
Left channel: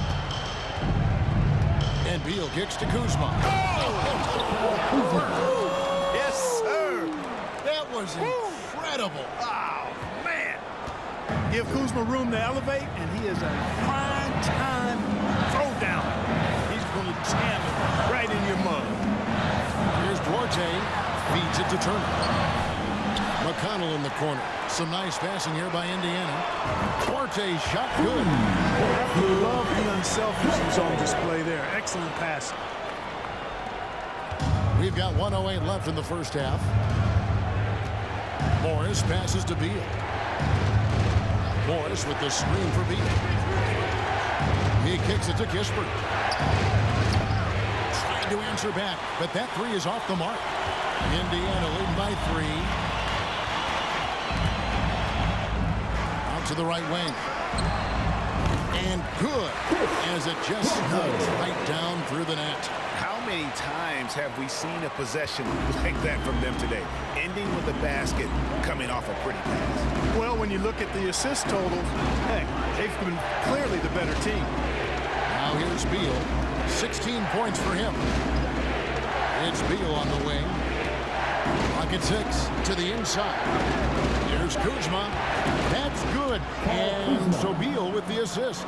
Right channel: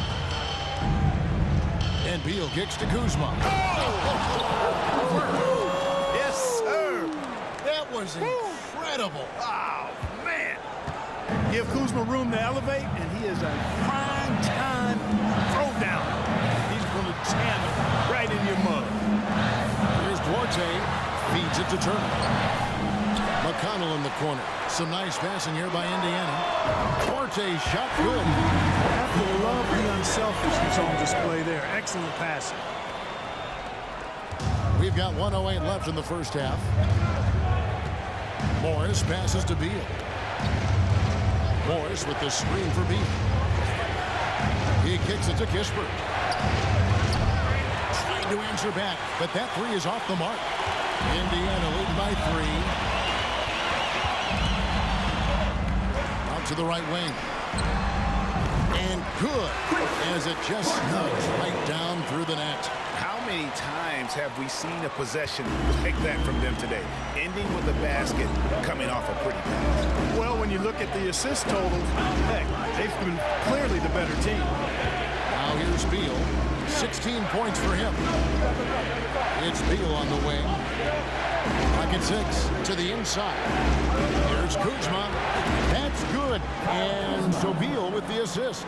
And Beal kicks to Kuzma. Oh! Yes, sir. That was incredible. Oh, man. Give Kuzma room to elevate, and he is a prime-time throwdown. He's going to jam it right in your mug. Here's Duarte. Feeds it to Turner. McConnell in the corner. Some nice passing here by Indiana. Duarte shot good. I have to love the unselfishness on display there. Excellent passing. We've got 1:08 left in the first half. Morris passes to Beal. Morris with the screen for Beal. He kicks it to Kispert. Trying to answer back, but that 3 is off the mark. Indiana leading by 3. Out to the right wing. And good, as it just snugs right down through the net. How many times have we seen a possession like that from them today? Ending with a basket, coming off a pretty pass. Well, when you look at the assist totals, heck, they've been clearly the better team. Now here's Beal. 16 points for him. It's Beal on the wing. Pocket 6 to the inside. Here's Kuzma. That's good. And so Beal with the assist.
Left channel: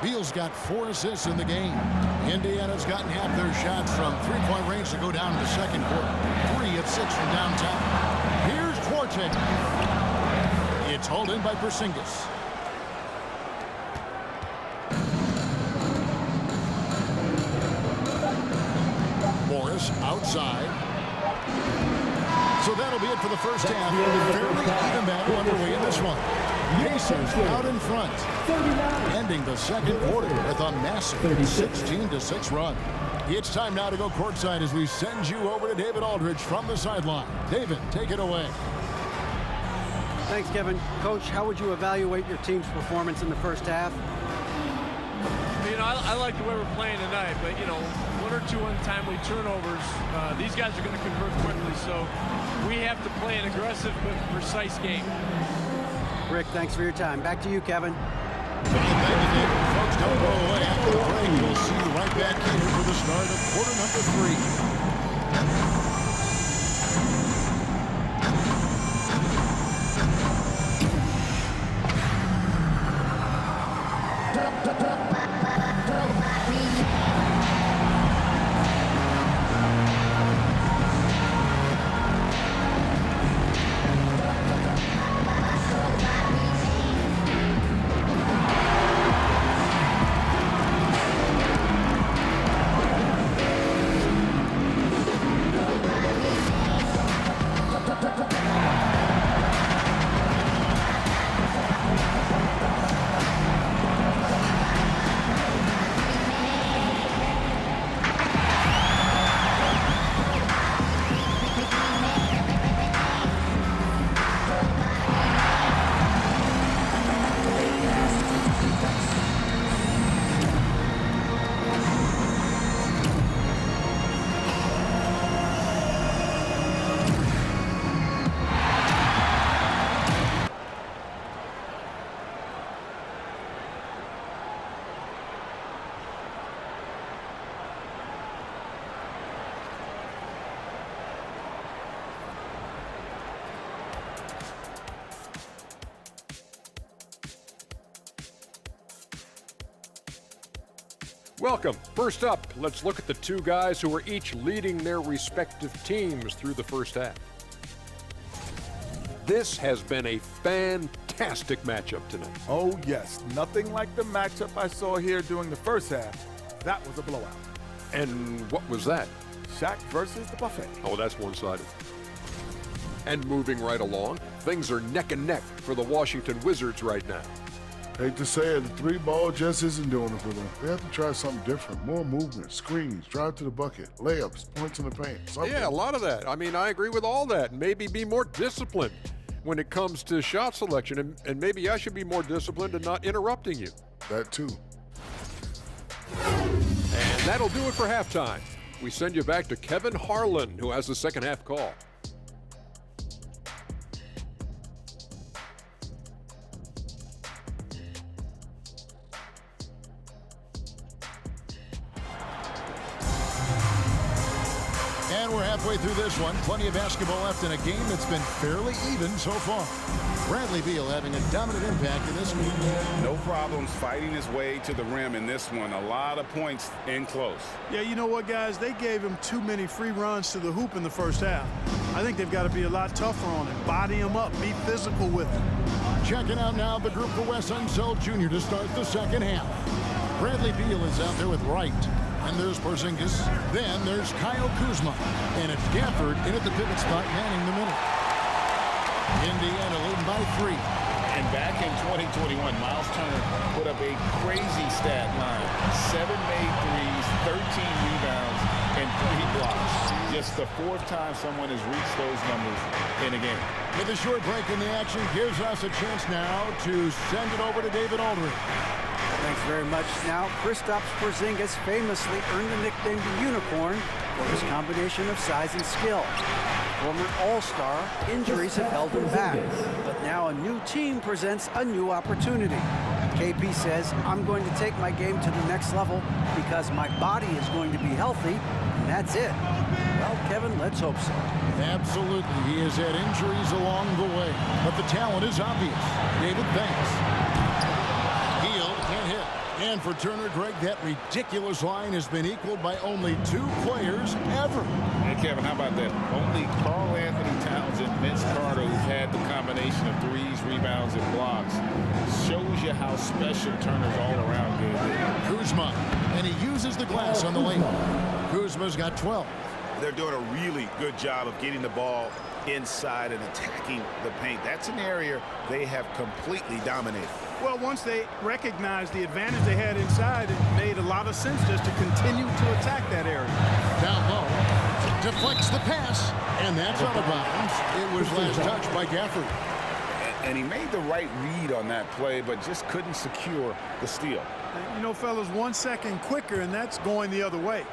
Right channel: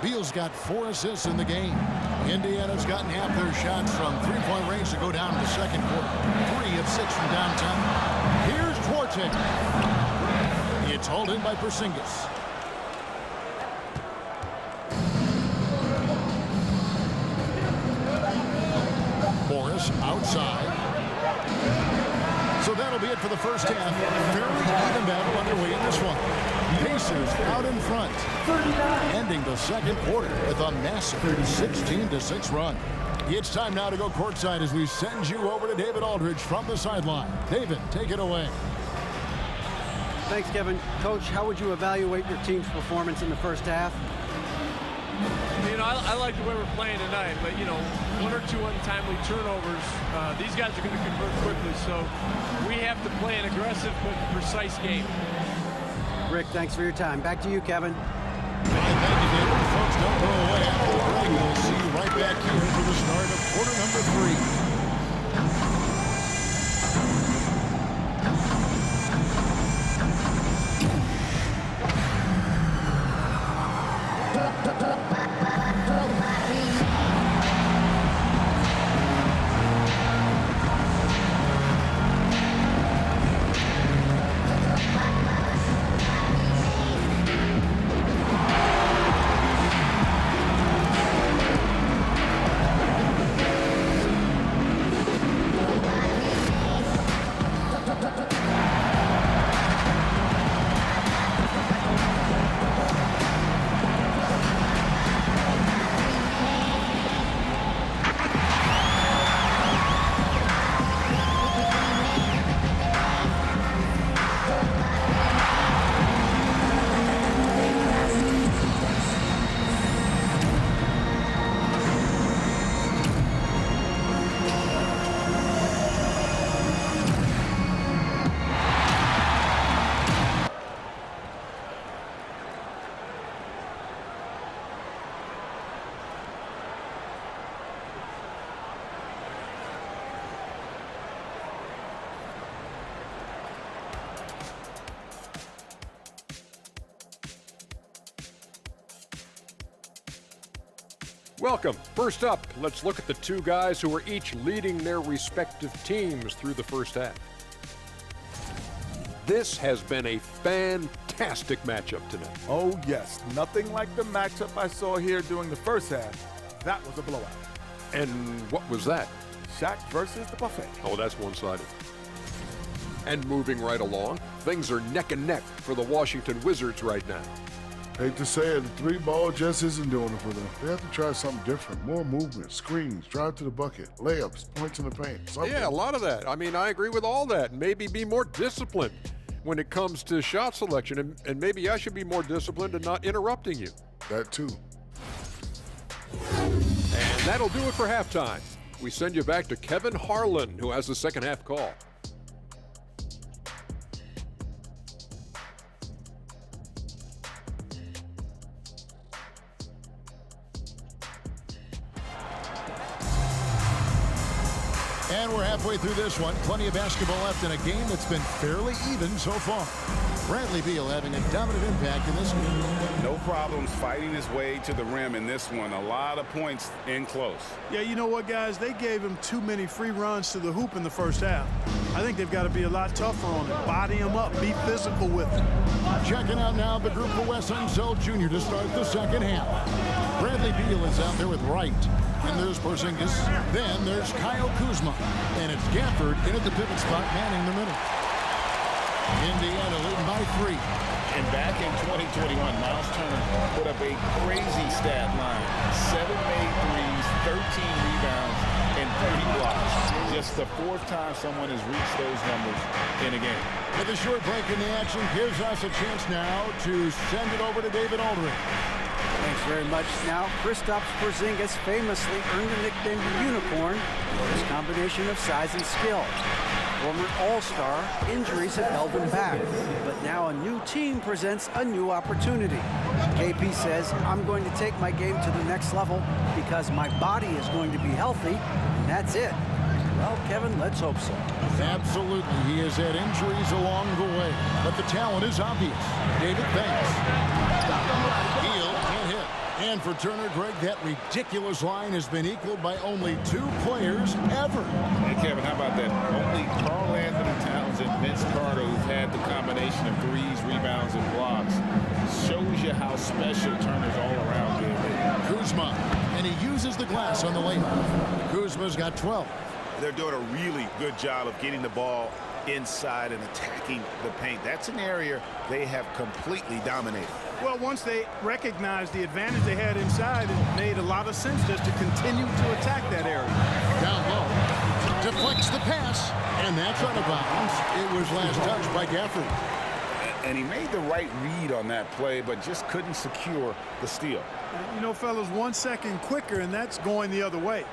Beal's got 4 assists in the game. Indiana's gotten half their shots from three-point range to go down in the second quarter. 3 of 6 from downtown. Here's Duarte. It's hauled in by Porzingis. Morris outside. So that'll be it for the first half. Fairly even battle underway in this one. Pacers out in front, ending the second quarter with a massive 16-6 run. It's time now to go courtside as we send you over to David Aldridge from the sideline. David, take it away. Thanks, Kevin. Coach, how would you evaluate your team's performance in the first half? You know, I like the way we're playing tonight, but, you know, 1 or 2 untimely turnovers, these guys are going to convert quickly, so we have to play an aggressive but precise game. Rick, thanks for your time. Back to you, Kevin. Fine, thank you, David. Folks, don't go away after the break. We'll see you right back here for the start of quarter number 3. Welcome. First up, let's look at the two guys who are each leading their respective teams through the first half. This has been a fantastic matchup tonight. Oh, yes. Nothing like the matchup I saw here during the first half. That was a blowout. And what was that? Shaq versus the buffet. Oh, that's one-sided. And moving right along, things are neck and neck for the Washington Wizards right now. Hate to say it, the three ball just isn't doing it for them. They have to try something different. More movement, screens, drive to the bucket, layups, points in the paint. Something. Yeah, a lot of that. I mean, I agree with all that. Maybe be more disciplined when it comes to shot selection. And maybe I should be more disciplined in not interrupting you. That too. And that'll do it for halftime. We send you back to Kevin Harlan, who has the second half call. And we're halfway through this one. Plenty of basketball left in a game that's been fairly even so far. Bradley Beal having a dominant impact in this game. No problems fighting his way to the rim in this one. A lot of points in close. Yeah, you know what, guys? They gave him too many free runs to the hoop in the first half. I think they've got to be a lot tougher on him. Body him up. Be physical with him. Checking out now the group for Wes Unseld Jr. to start the second half. Bradley Beal is out there with Wright. And there's Porzingis. Then there's Kyle Kuzma. And it's Gafford in at the pivot spot, manning the middle. Indiana leading by 3. And back in 2021, Miles Turner put up a crazy stat line. 7 made threes, 13 rebounds, and 3 blocks. Just the 4th time someone has reached those numbers in a game. With a short break in the action gives us a chance now to send it over to David Aldridge. Thanks very much. Now, Kristaps Porzingis famously earned the nickname the Unicorn for his combination of size and skill. Former All-Star, injuries have held him back, but now a new team presents a new opportunity. KP says, I'm going to take my game to the next level because my body is going to be healthy, and that's it. Well, Kevin, let's hope so. Absolutely. He has had injuries along the way, but the talent is obvious. David, thanks. Beal can't hit. And for Turner, Greg, that ridiculous line has been equaled by only 2 players ever. Hey, Kevin, how about that? Only Karl Anthony Towns and Vince Carter, who've had the combination of threes, rebounds, and blocks, shows you how special Turner's all-around game is. Kuzma, and he uses the glass on the layup. Kuzma's got 12. They're doing a really good job of getting the ball inside and attacking the paint. That's an area they have completely dominated. Well, once they recognized the advantage they had inside, it made a lot of sense just to continue to attack that area. Down low, deflects the pass, and that's out of bounds. It was last touched by Gafford. And he made the right read on that play, but just couldn't secure the steal. And, you know, fellas, 1 second quicker, and that's going the other way.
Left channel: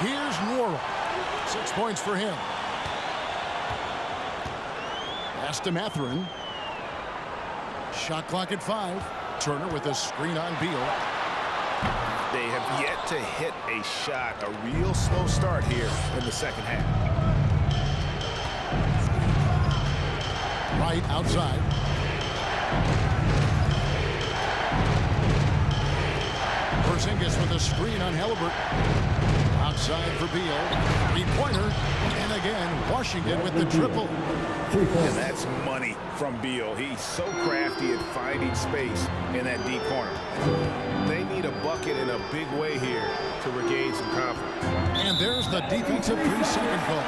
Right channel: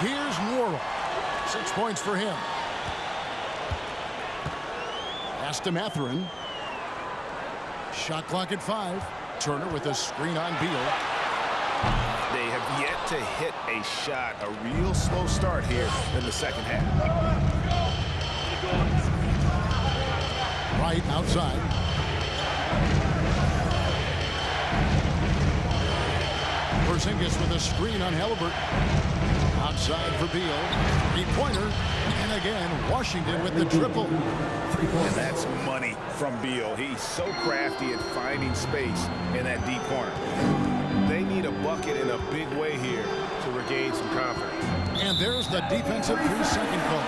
Here's Norrell. 6 points for him. Pass to Mathurin. Shot clock at 5. Turner with a screen on Beal. They have yet to hit a shot. A real slow start here in the second half. Right outside. Porzingis with a screen on Halliburton. Outside for Beal. 3-pointer. And again, Washington with the triple. And that's money from Beal. He's so crafty at finding space in that deep corner. They need a bucket in a big way here to regain some confidence. And there's the defensive 3-second call.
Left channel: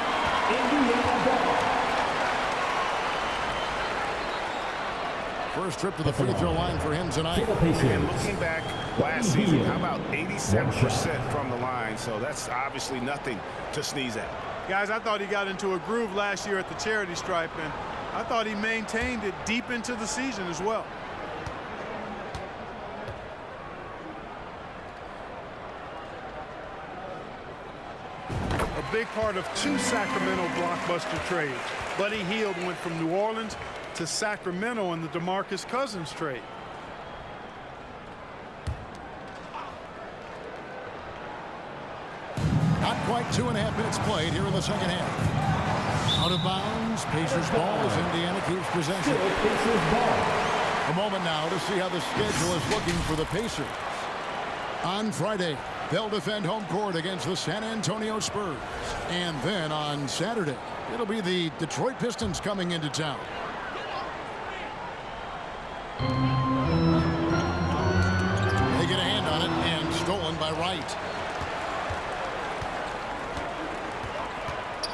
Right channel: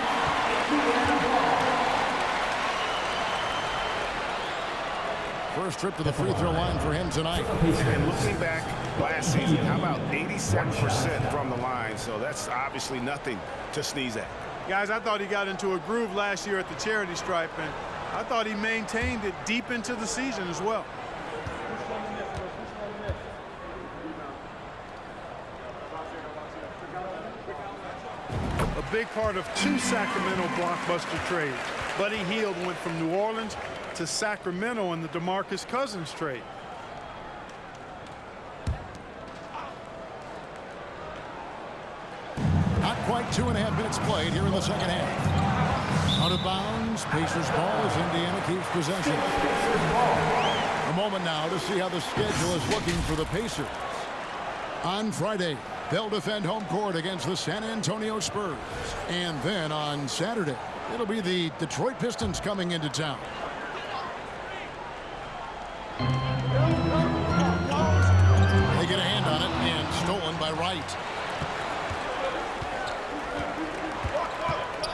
First trip to the free throw line for him tonight. And looking back last season, how about 87% from the line? So that's obviously nothing to sneeze at. Guys, I thought he got into a groove last year at the charity stripe, and I thought he maintained it deep into the season as well. A big part of 2 Sacramento blockbuster trades. Buddy Hield went from New Orleans to Sacramento in the DeMarcus Cousins trade. Not quite 2.5 minutes played here in the second half. Out of bounds. Pacers ball as Indiana keeps possession. A moment now to see how the schedule is looking for the Pacers. On Friday, they'll defend home court against the San Antonio Spurs. And then on Saturday, it'll be the Detroit Pistons coming into town. They get a hand on it and stolen by Wright.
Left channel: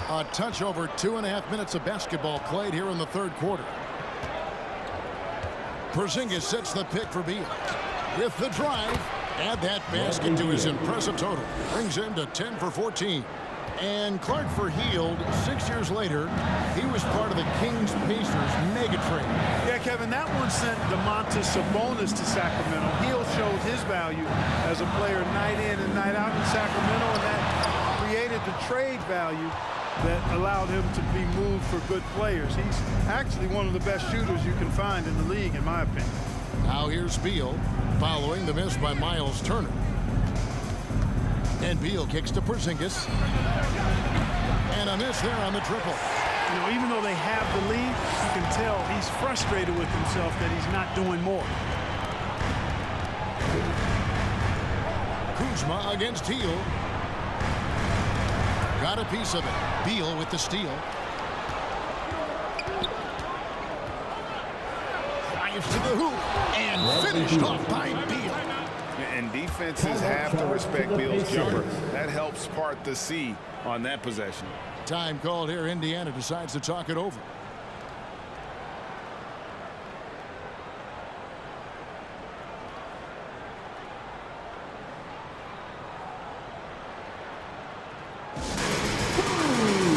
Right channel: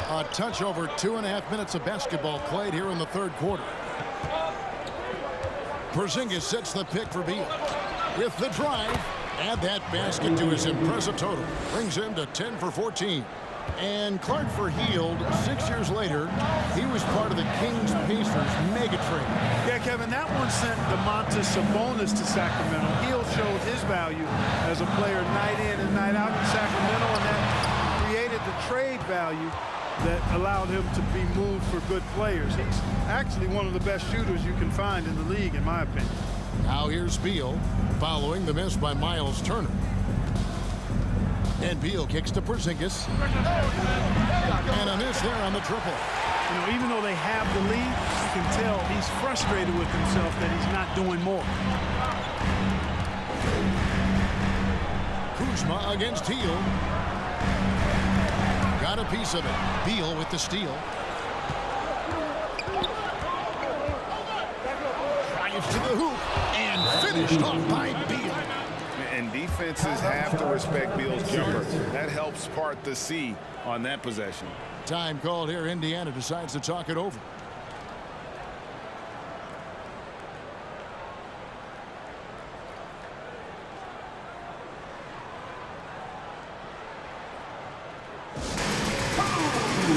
A touch over 2.5 minutes of basketball played here in the third quarter. Porzingis sets the pick for Beal. With the drive, add that basket to his impressive total. Brings him to 10 for 14. And Clark for Hield, 6 years later, he was part of the Kings-Pacers mega trade. Yeah, Kevin, that one sent Domantas Sabonis to Sacramento. Hield showed his value as a player night in and night out in Sacramento, and that created the trade value that allowed him to be moved for good players. He's actually one of the best shooters you can find in the league, in my opinion. Now here's Beal, following the miss by Miles Turner. And Beal kicks to Porzingis. And a miss there on the triple. You know, even though they have the lead, you can tell he's frustrated with himself that he's not doing more. Kuzma against Hield. Got a piece of it. Beal with the steal. Drives to the hoop and finished off by Beal. And defenses have to respect Beal's jumper. That helps part the C on that possession. Time called here. Indiana decides to talk it over.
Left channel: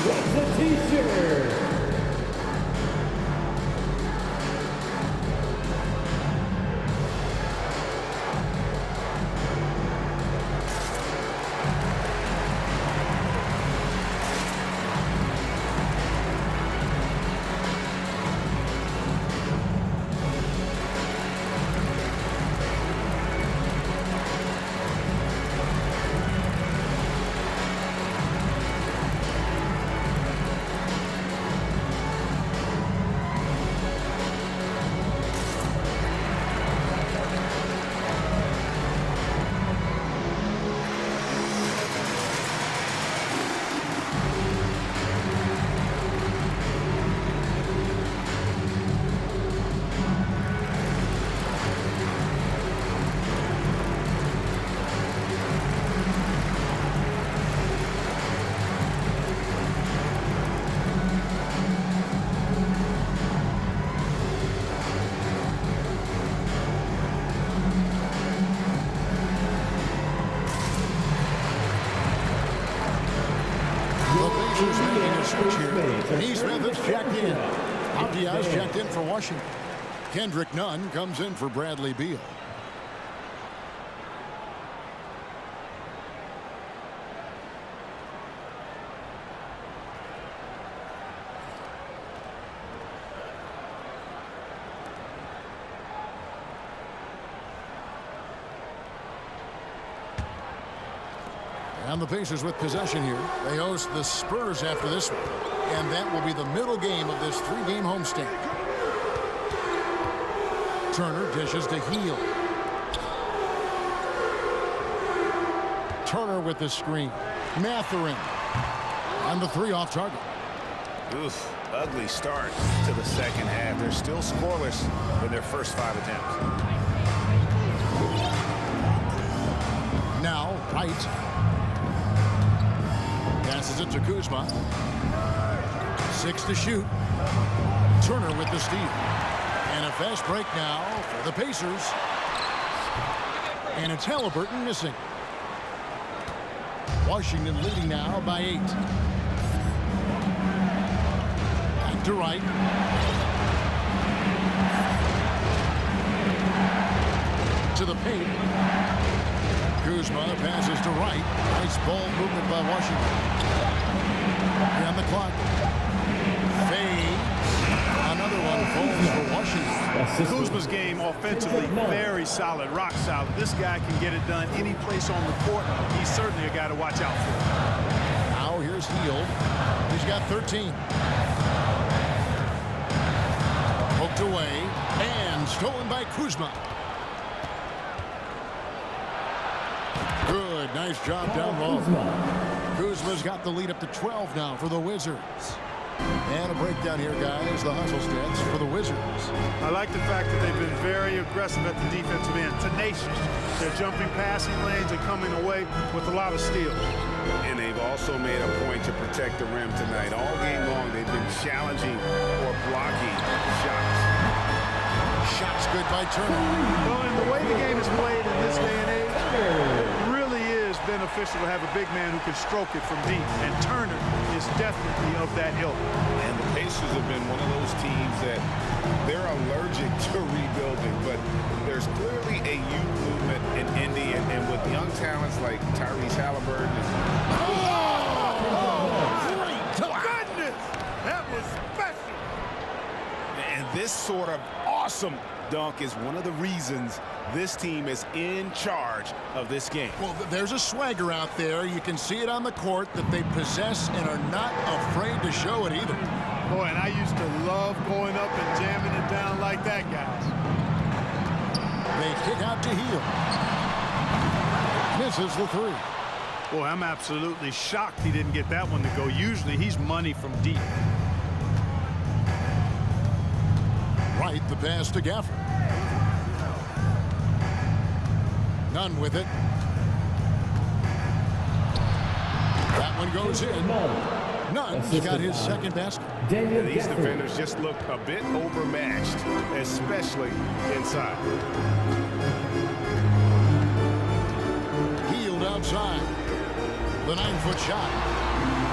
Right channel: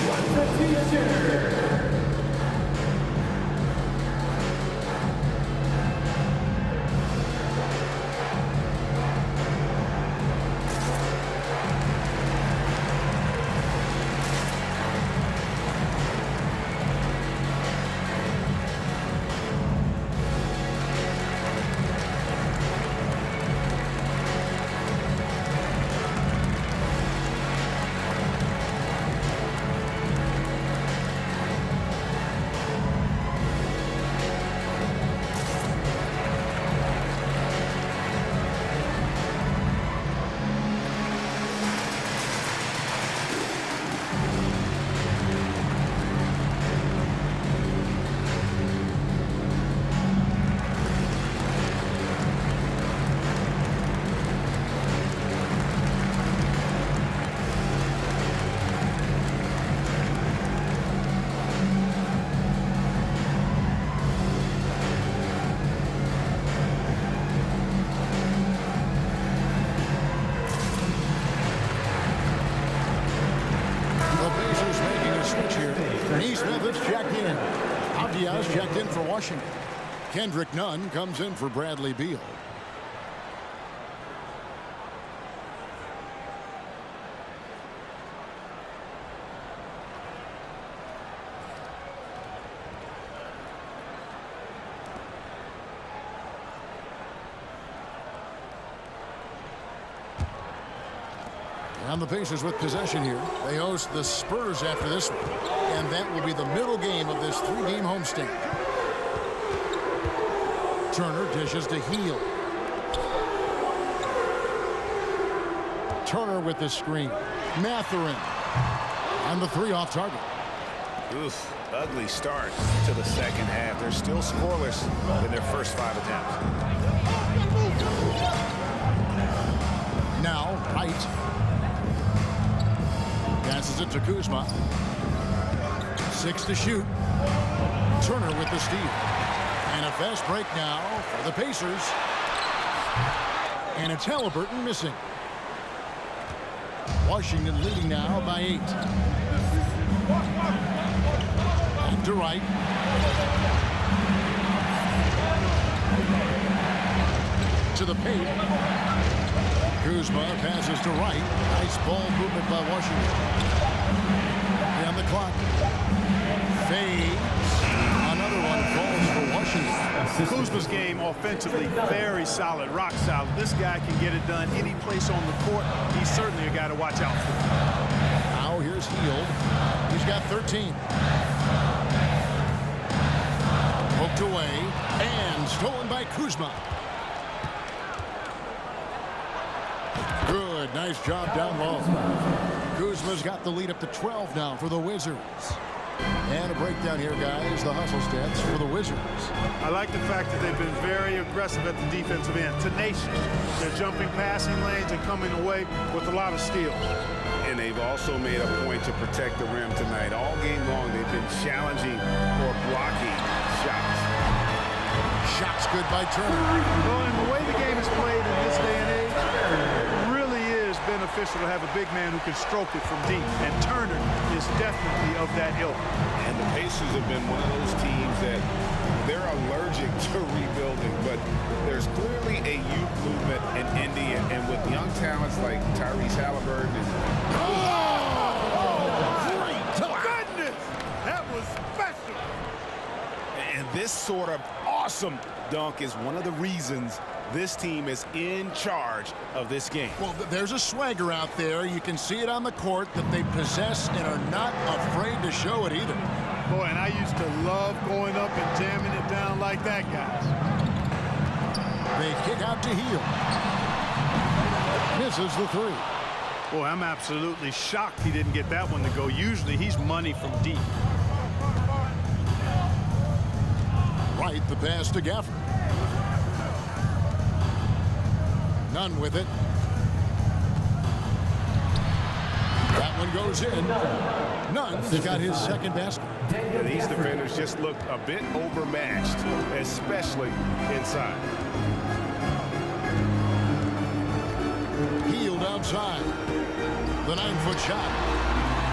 What's the t-shirt? The Pacers making a switch here. Neesmith has checked in. Abdias checked in for Washington. Kendrick Nunn comes in for Bradley Beal. And the Pacers with possession here. They host the Spurs after this one. And that will be the middle game of this three-game homestand. Turner dishes to Hield. Turner with the screen. Mathurin on the three off target. Oof, ugly start to the second half. They're still scoreless in their first 5 attempts. Now, Wright. Passes it to Kuzma. 6 to shoot. Turner with the steal. And a fast break now for the Pacers. And it's Halliburton missing. Washington leading now by 8. Back to Wright. To the paint. Kuzma passes to Wright. Nice ball movement by Washington. On the clock. Fades. Another one falls for Washington. Kuzma's game offensively very solid, rock solid. This guy can get it done any place on the court. He's certainly a guy to watch out for. Now here's Hield. He's got 13. Poked away and stolen by Kuzma. Good, nice job down low. Kuzma's got the lead up to 12 now for the Wizards. And a breakdown here, guys. The hustle stats for the Wizards. I like the fact that they've been very aggressive at the defensive end, tenacious. They're jumping passing lanes and coming away with a lot of steals. And they've also made a point to protect the rim tonight. All game long, they've been challenging or blocking shots. Shots good by Turner. Well, and the way the game is played in this day and age, it really is beneficial to have a big man who can stroke it from deep. And Turner is definitely of that ilk. And the Pacers have been one of those teams that they're allergic to rebuilding, but there's clearly a youth movement in Indy, and with young talents like Tyrese Halliburton and Goodness! That was special! And this sort of awesome dunk is one of the reasons this team is in charge of this game. Well, there's a swagger out there. You can see it on the court that they possess and are not afraid to show it either. Boy, and I used to love going up and jamming it down like that, guys. They kick out to Hield. Misses the three. Boy, I'm absolutely shocked he didn't get that one to go. Usually he's money from deep. Right, the pass to Gafford. Nunn with it. That one goes in. Nunn's got his second basket. Yeah, these defenders just looked a bit overmatched, especially inside. Hield outside. The 9-foot shot.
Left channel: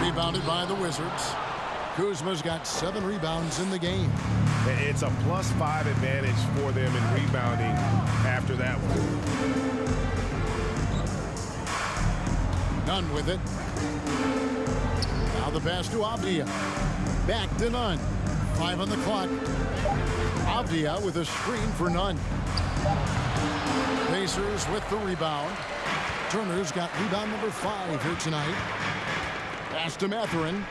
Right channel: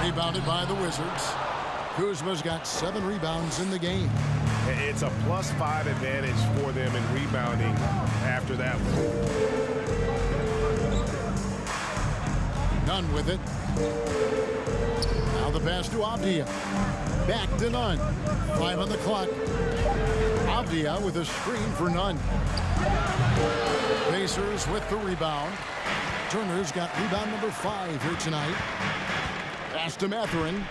Rebounded by the Wizards. Kuzma's got 7 rebounds in the game. It's a +5 advantage for them in rebounding after that one. Nunn with it. Now the pass to Avdia. Back to Nunn. 5 on the clock. Avdia with a screen for Nunn. Pacers with the rebound. Turner's got rebound number 5 here tonight. Pass to Mathurin.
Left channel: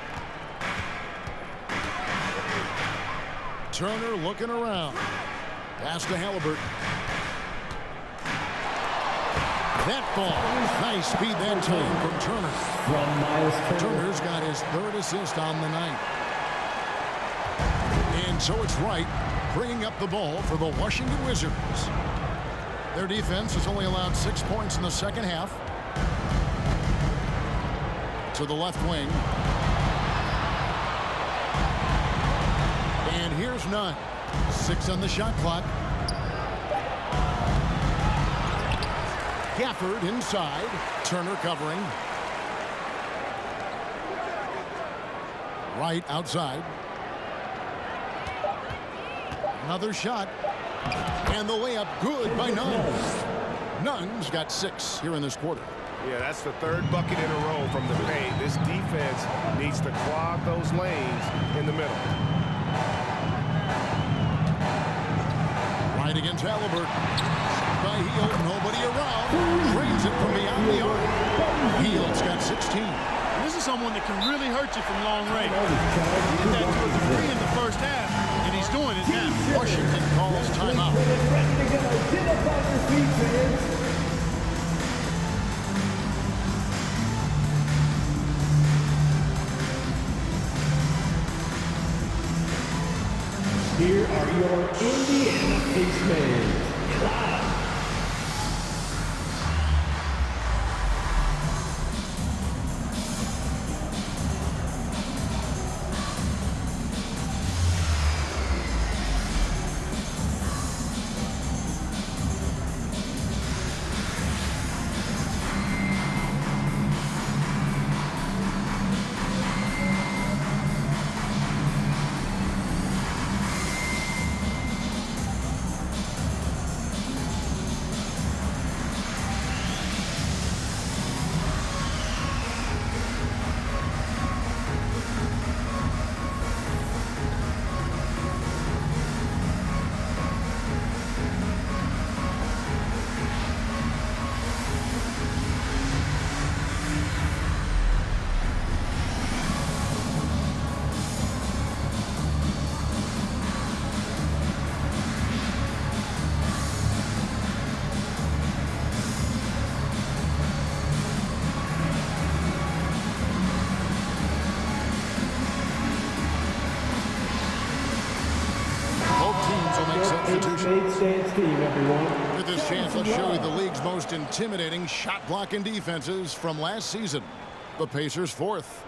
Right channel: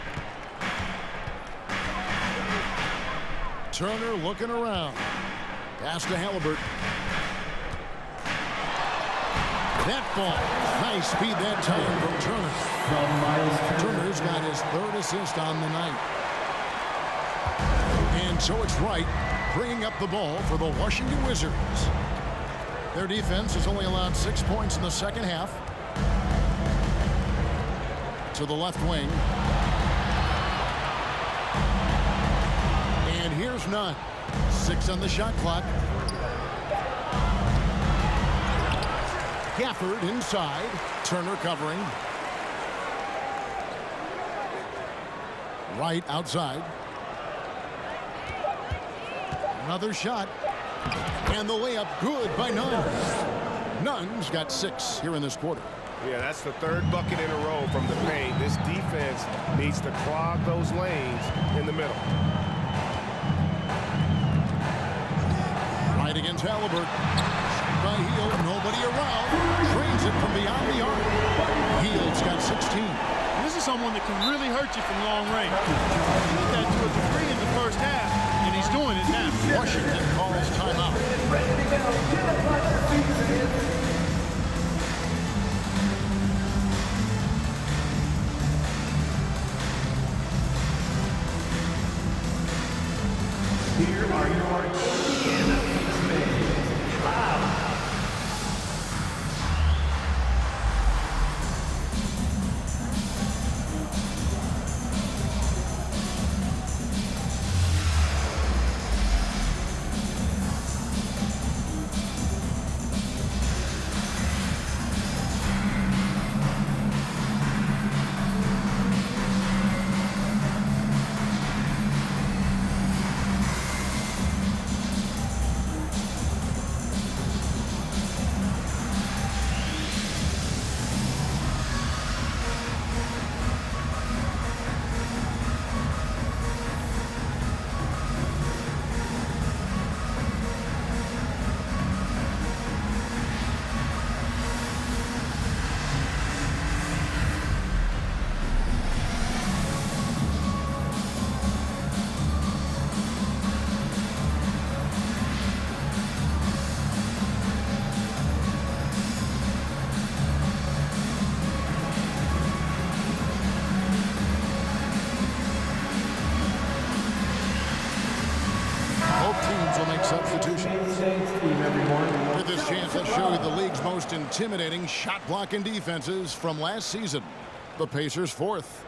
Turner looking around. Pass to Halliburton. That ball. Nice speed that time from Turner. Turner's got his 3rd assist on the night. And so it's Wright bringing up the ball for the Washington Wizards. Their defense has only allowed 6 points in the second half. To the left wing. And here's Nunn. 6 on the shot clock. Gafford inside. Turner covering. Wright outside. Another shot. And the layup good by Nunn. Nunn's got 6 here in this quarter. Yeah, that's the 3rd bucket in a row from the paint. This defense needs to clog those lanes in the middle. Right against Halliburton. Shot by Hield. Nobody around. Drains it from beyond the arc. Hield's got 16. And this is someone that can really hurt you from long range. He did that to a degree in the first half, and he's doing it now. Washington calls timeout. Here are your Indiana Pacers. Cloud. substitutions. Stance team, everyone. With this chance, let's show you the league's most intimidating shot blocking defenses from last season. The Pacers 4th.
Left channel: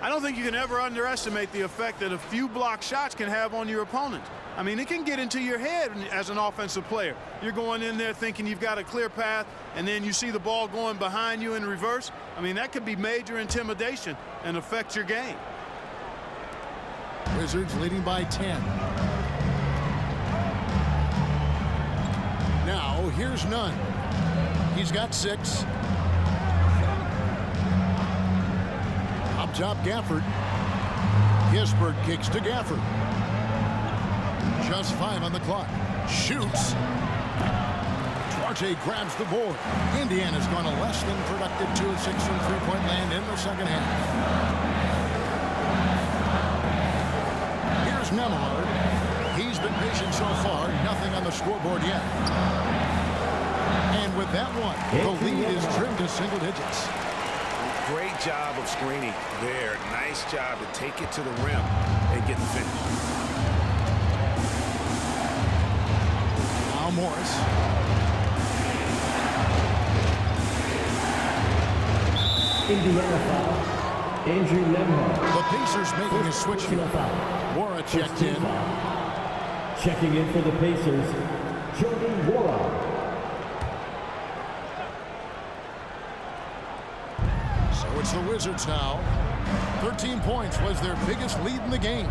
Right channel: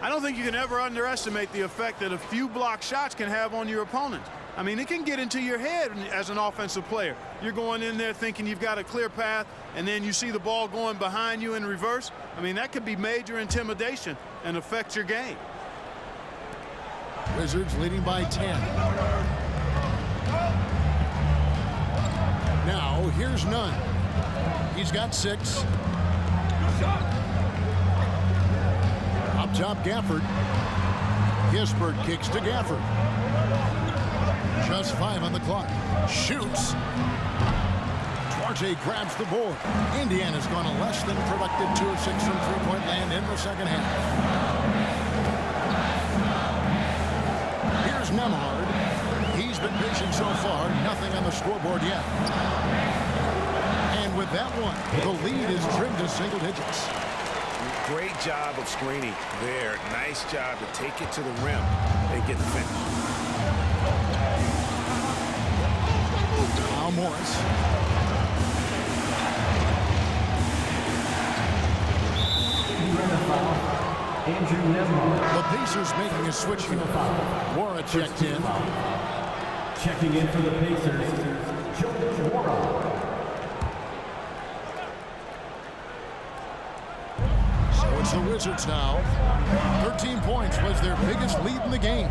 I don't think you can ever underestimate the effect that a few block shots can have on your opponent. I mean, it can get into your head as an offensive player. You're going in there thinking you've got a clear path, and then you see the ball going behind you in reverse. I mean, that could be major intimidation and affect your game. Wizards leading by 10. Now, here's Nunn. He's got 6. Up top, Gafford. Kispert kicks to Gafford. Just 5 on the clock. Shoots. Duarte grabs the board. Indiana's gone a less than productive 2 of 6 from three-point land in the second half. Here's Nemhard. He's been patient so far. Nothing on the scoreboard yet. And with that one, the lead is trimmed to single digits. Great job of screening there. Nice job to take it to the rim and get the finish. Now Morris. Indiana foul. Andrew Nemhard. The Pacers making a switch here. Wara checked in. Checking in for the Pacers, Jordan Wara. So it's the Wizards now. 13 points was their biggest lead in the game.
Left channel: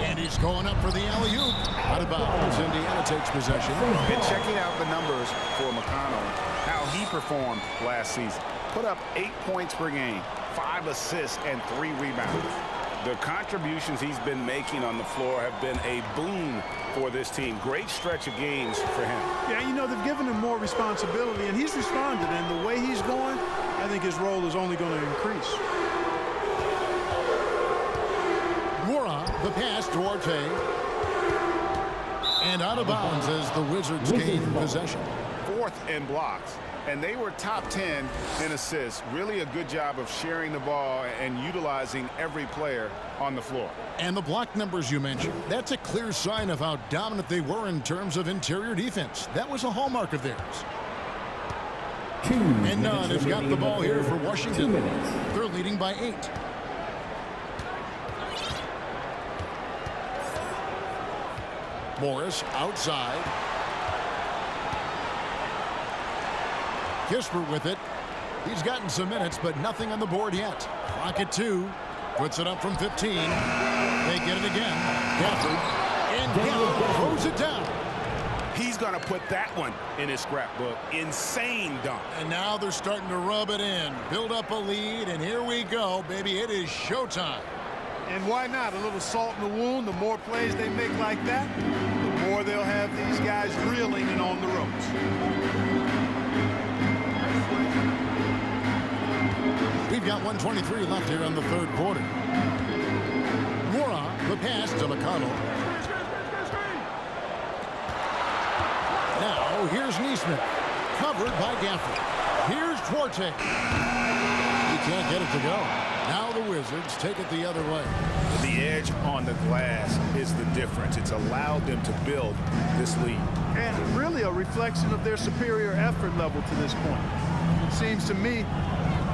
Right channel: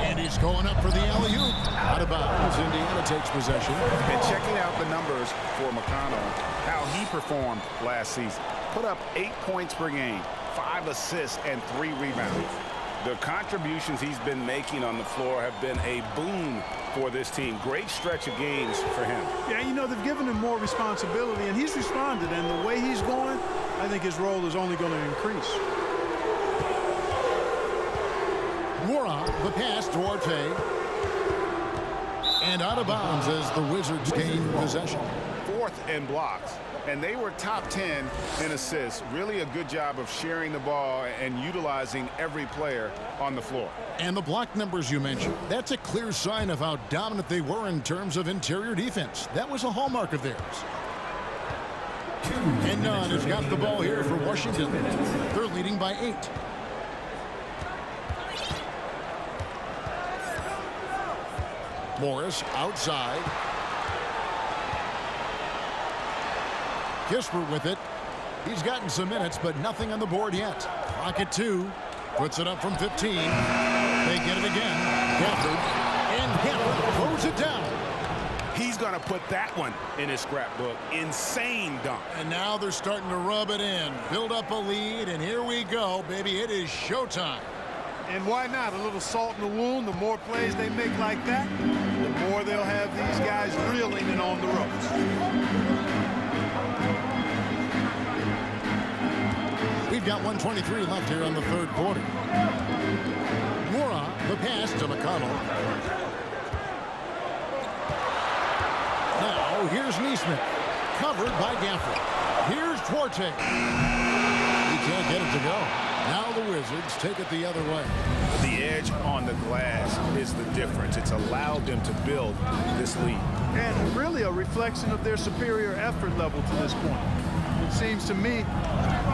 And he's going up for the alley-oop. Out of bounds. Indiana takes possession. And checking out the numbers for McConnell, how he performed last season. Put up 8 points per game, 5 assists, and 3 rebounds. The contributions he's been making on the floor have been a boon for this team. Great stretch of games for him. Yeah, you know, they've given him more responsibility, and he's responded. And the way he's going, I think his role is only going to increase. Wara, the pass, Duarte. And out of bounds as the Wizards gain possession. 4th in blocks. And they were top 10 in assists. Really a good job of sharing the ball and utilizing every player on the floor. And the block numbers you mentioned, that's a clear sign of how dominant they were in terms of interior defense. That was a hallmark of theirs. And Nunn has got the ball here for Washington. They're leading by 8. Morris outside. Kispert with it. He's gotten some minutes, but nothing on the board yet. Clock at 2. Puts it up from 15. They get it again. Gafford. And Gafford throws it down. He's going to put that one in his scrapbook. Insane dunk. And now they're starting to rub it in. Build up a lead, and here we go, baby. It is showtime. And why not? A little salt in the wound. The more plays they make like that, the more they'll have these guys reeling and on the ropes. We've got 1:23 left here in the third quarter. Wara, the pass to McConnell. Now, here's Neesmith. Covered by Gafford. Here's Duarte. He can't get it to go. Now the Wizards take it the other way. The edge on the glass is the difference. It's allowed them to build this lead. And really a reflection of their superior effort level to this point. It seems to me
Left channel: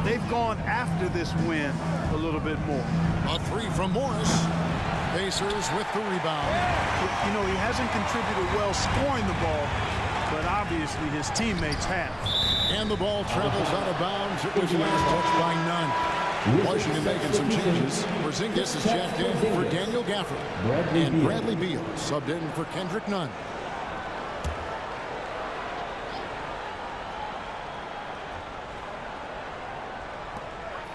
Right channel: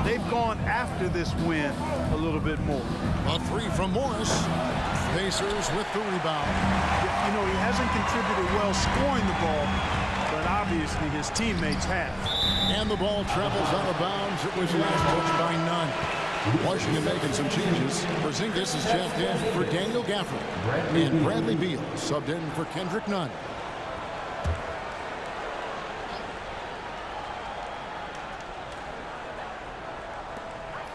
they've gone after this win a little bit more. A 3 from Morris. Pacers with the rebound. Yeah, you know, he hasn't contributed well scoring the ball, but obviously his teammates have. And the ball travels out of bounds. It was last touched by Nunn. Washington making some changes. Porzingis is checked in for Daniel Gafford. And Bradley Beal subbed in for Kendrick Nunn.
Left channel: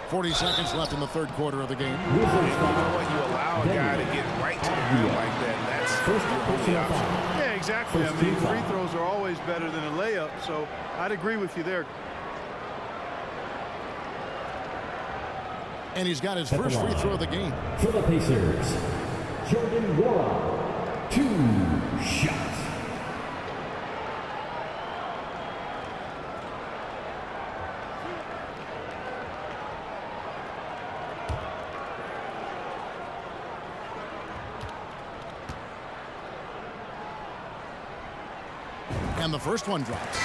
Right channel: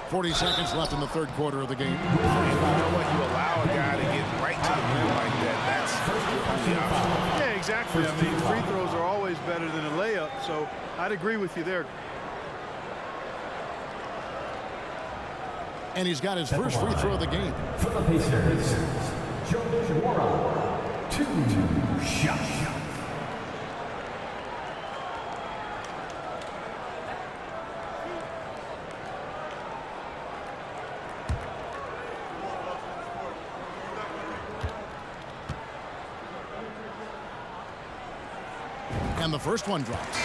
.40 seconds left in the third quarter of the game. And you know what? You allow a guy to get right to the rim like that. That's your only option. Yeah, exactly. I mean, free throws are always better than a layup, so I'd agree with you there. And he's got his first free throw of the game. For the Pacers, Jordan Wara, 2 shots. And the first one drops.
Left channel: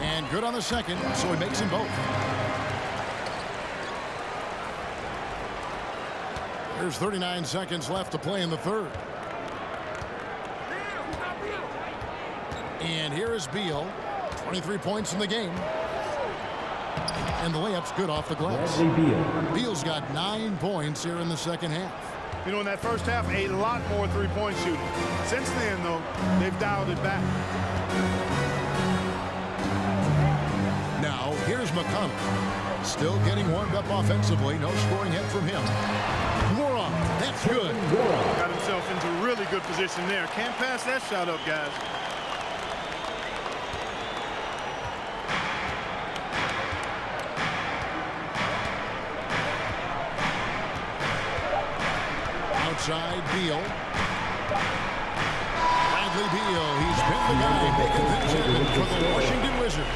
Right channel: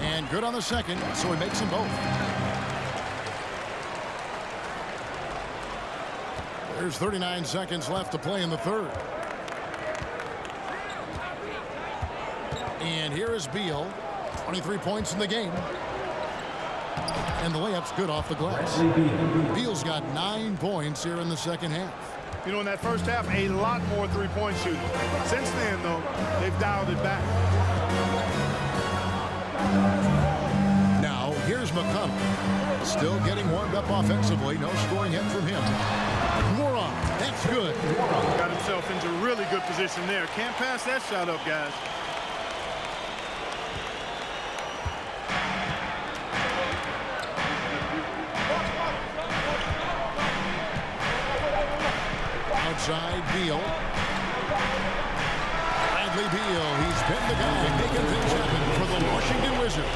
And good on the second, so he makes them both. There's 39 seconds left to play in the third. And here is Beal. 23 points in the game. And the layup's good off the glass. Beal's got 9 points here in the second half. You know, in that first half, a lot more three-point shooting. Since then, though, they've dialed it back. Now, here's McConnell. Still getting warmed up offensively. No scoring hit from him. Moron, that's good. Got himself into really good position there. Can't pass that shot up, guys. Outside Beal. Bradley Beal, he's been the guy making things happen for the Washington Wizards.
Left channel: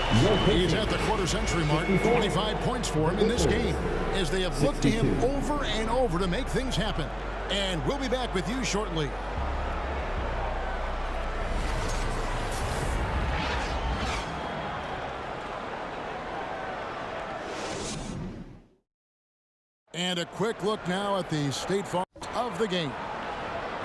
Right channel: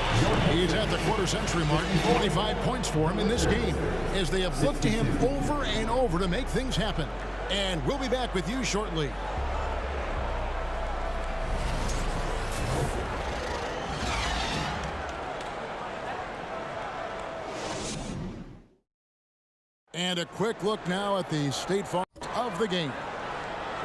He's at the quarter-century mark, 25 points for him in this game, as they have looked to him over and over to make things happen. And we'll be back with you shortly. And a quick look now at the State Farm of the game.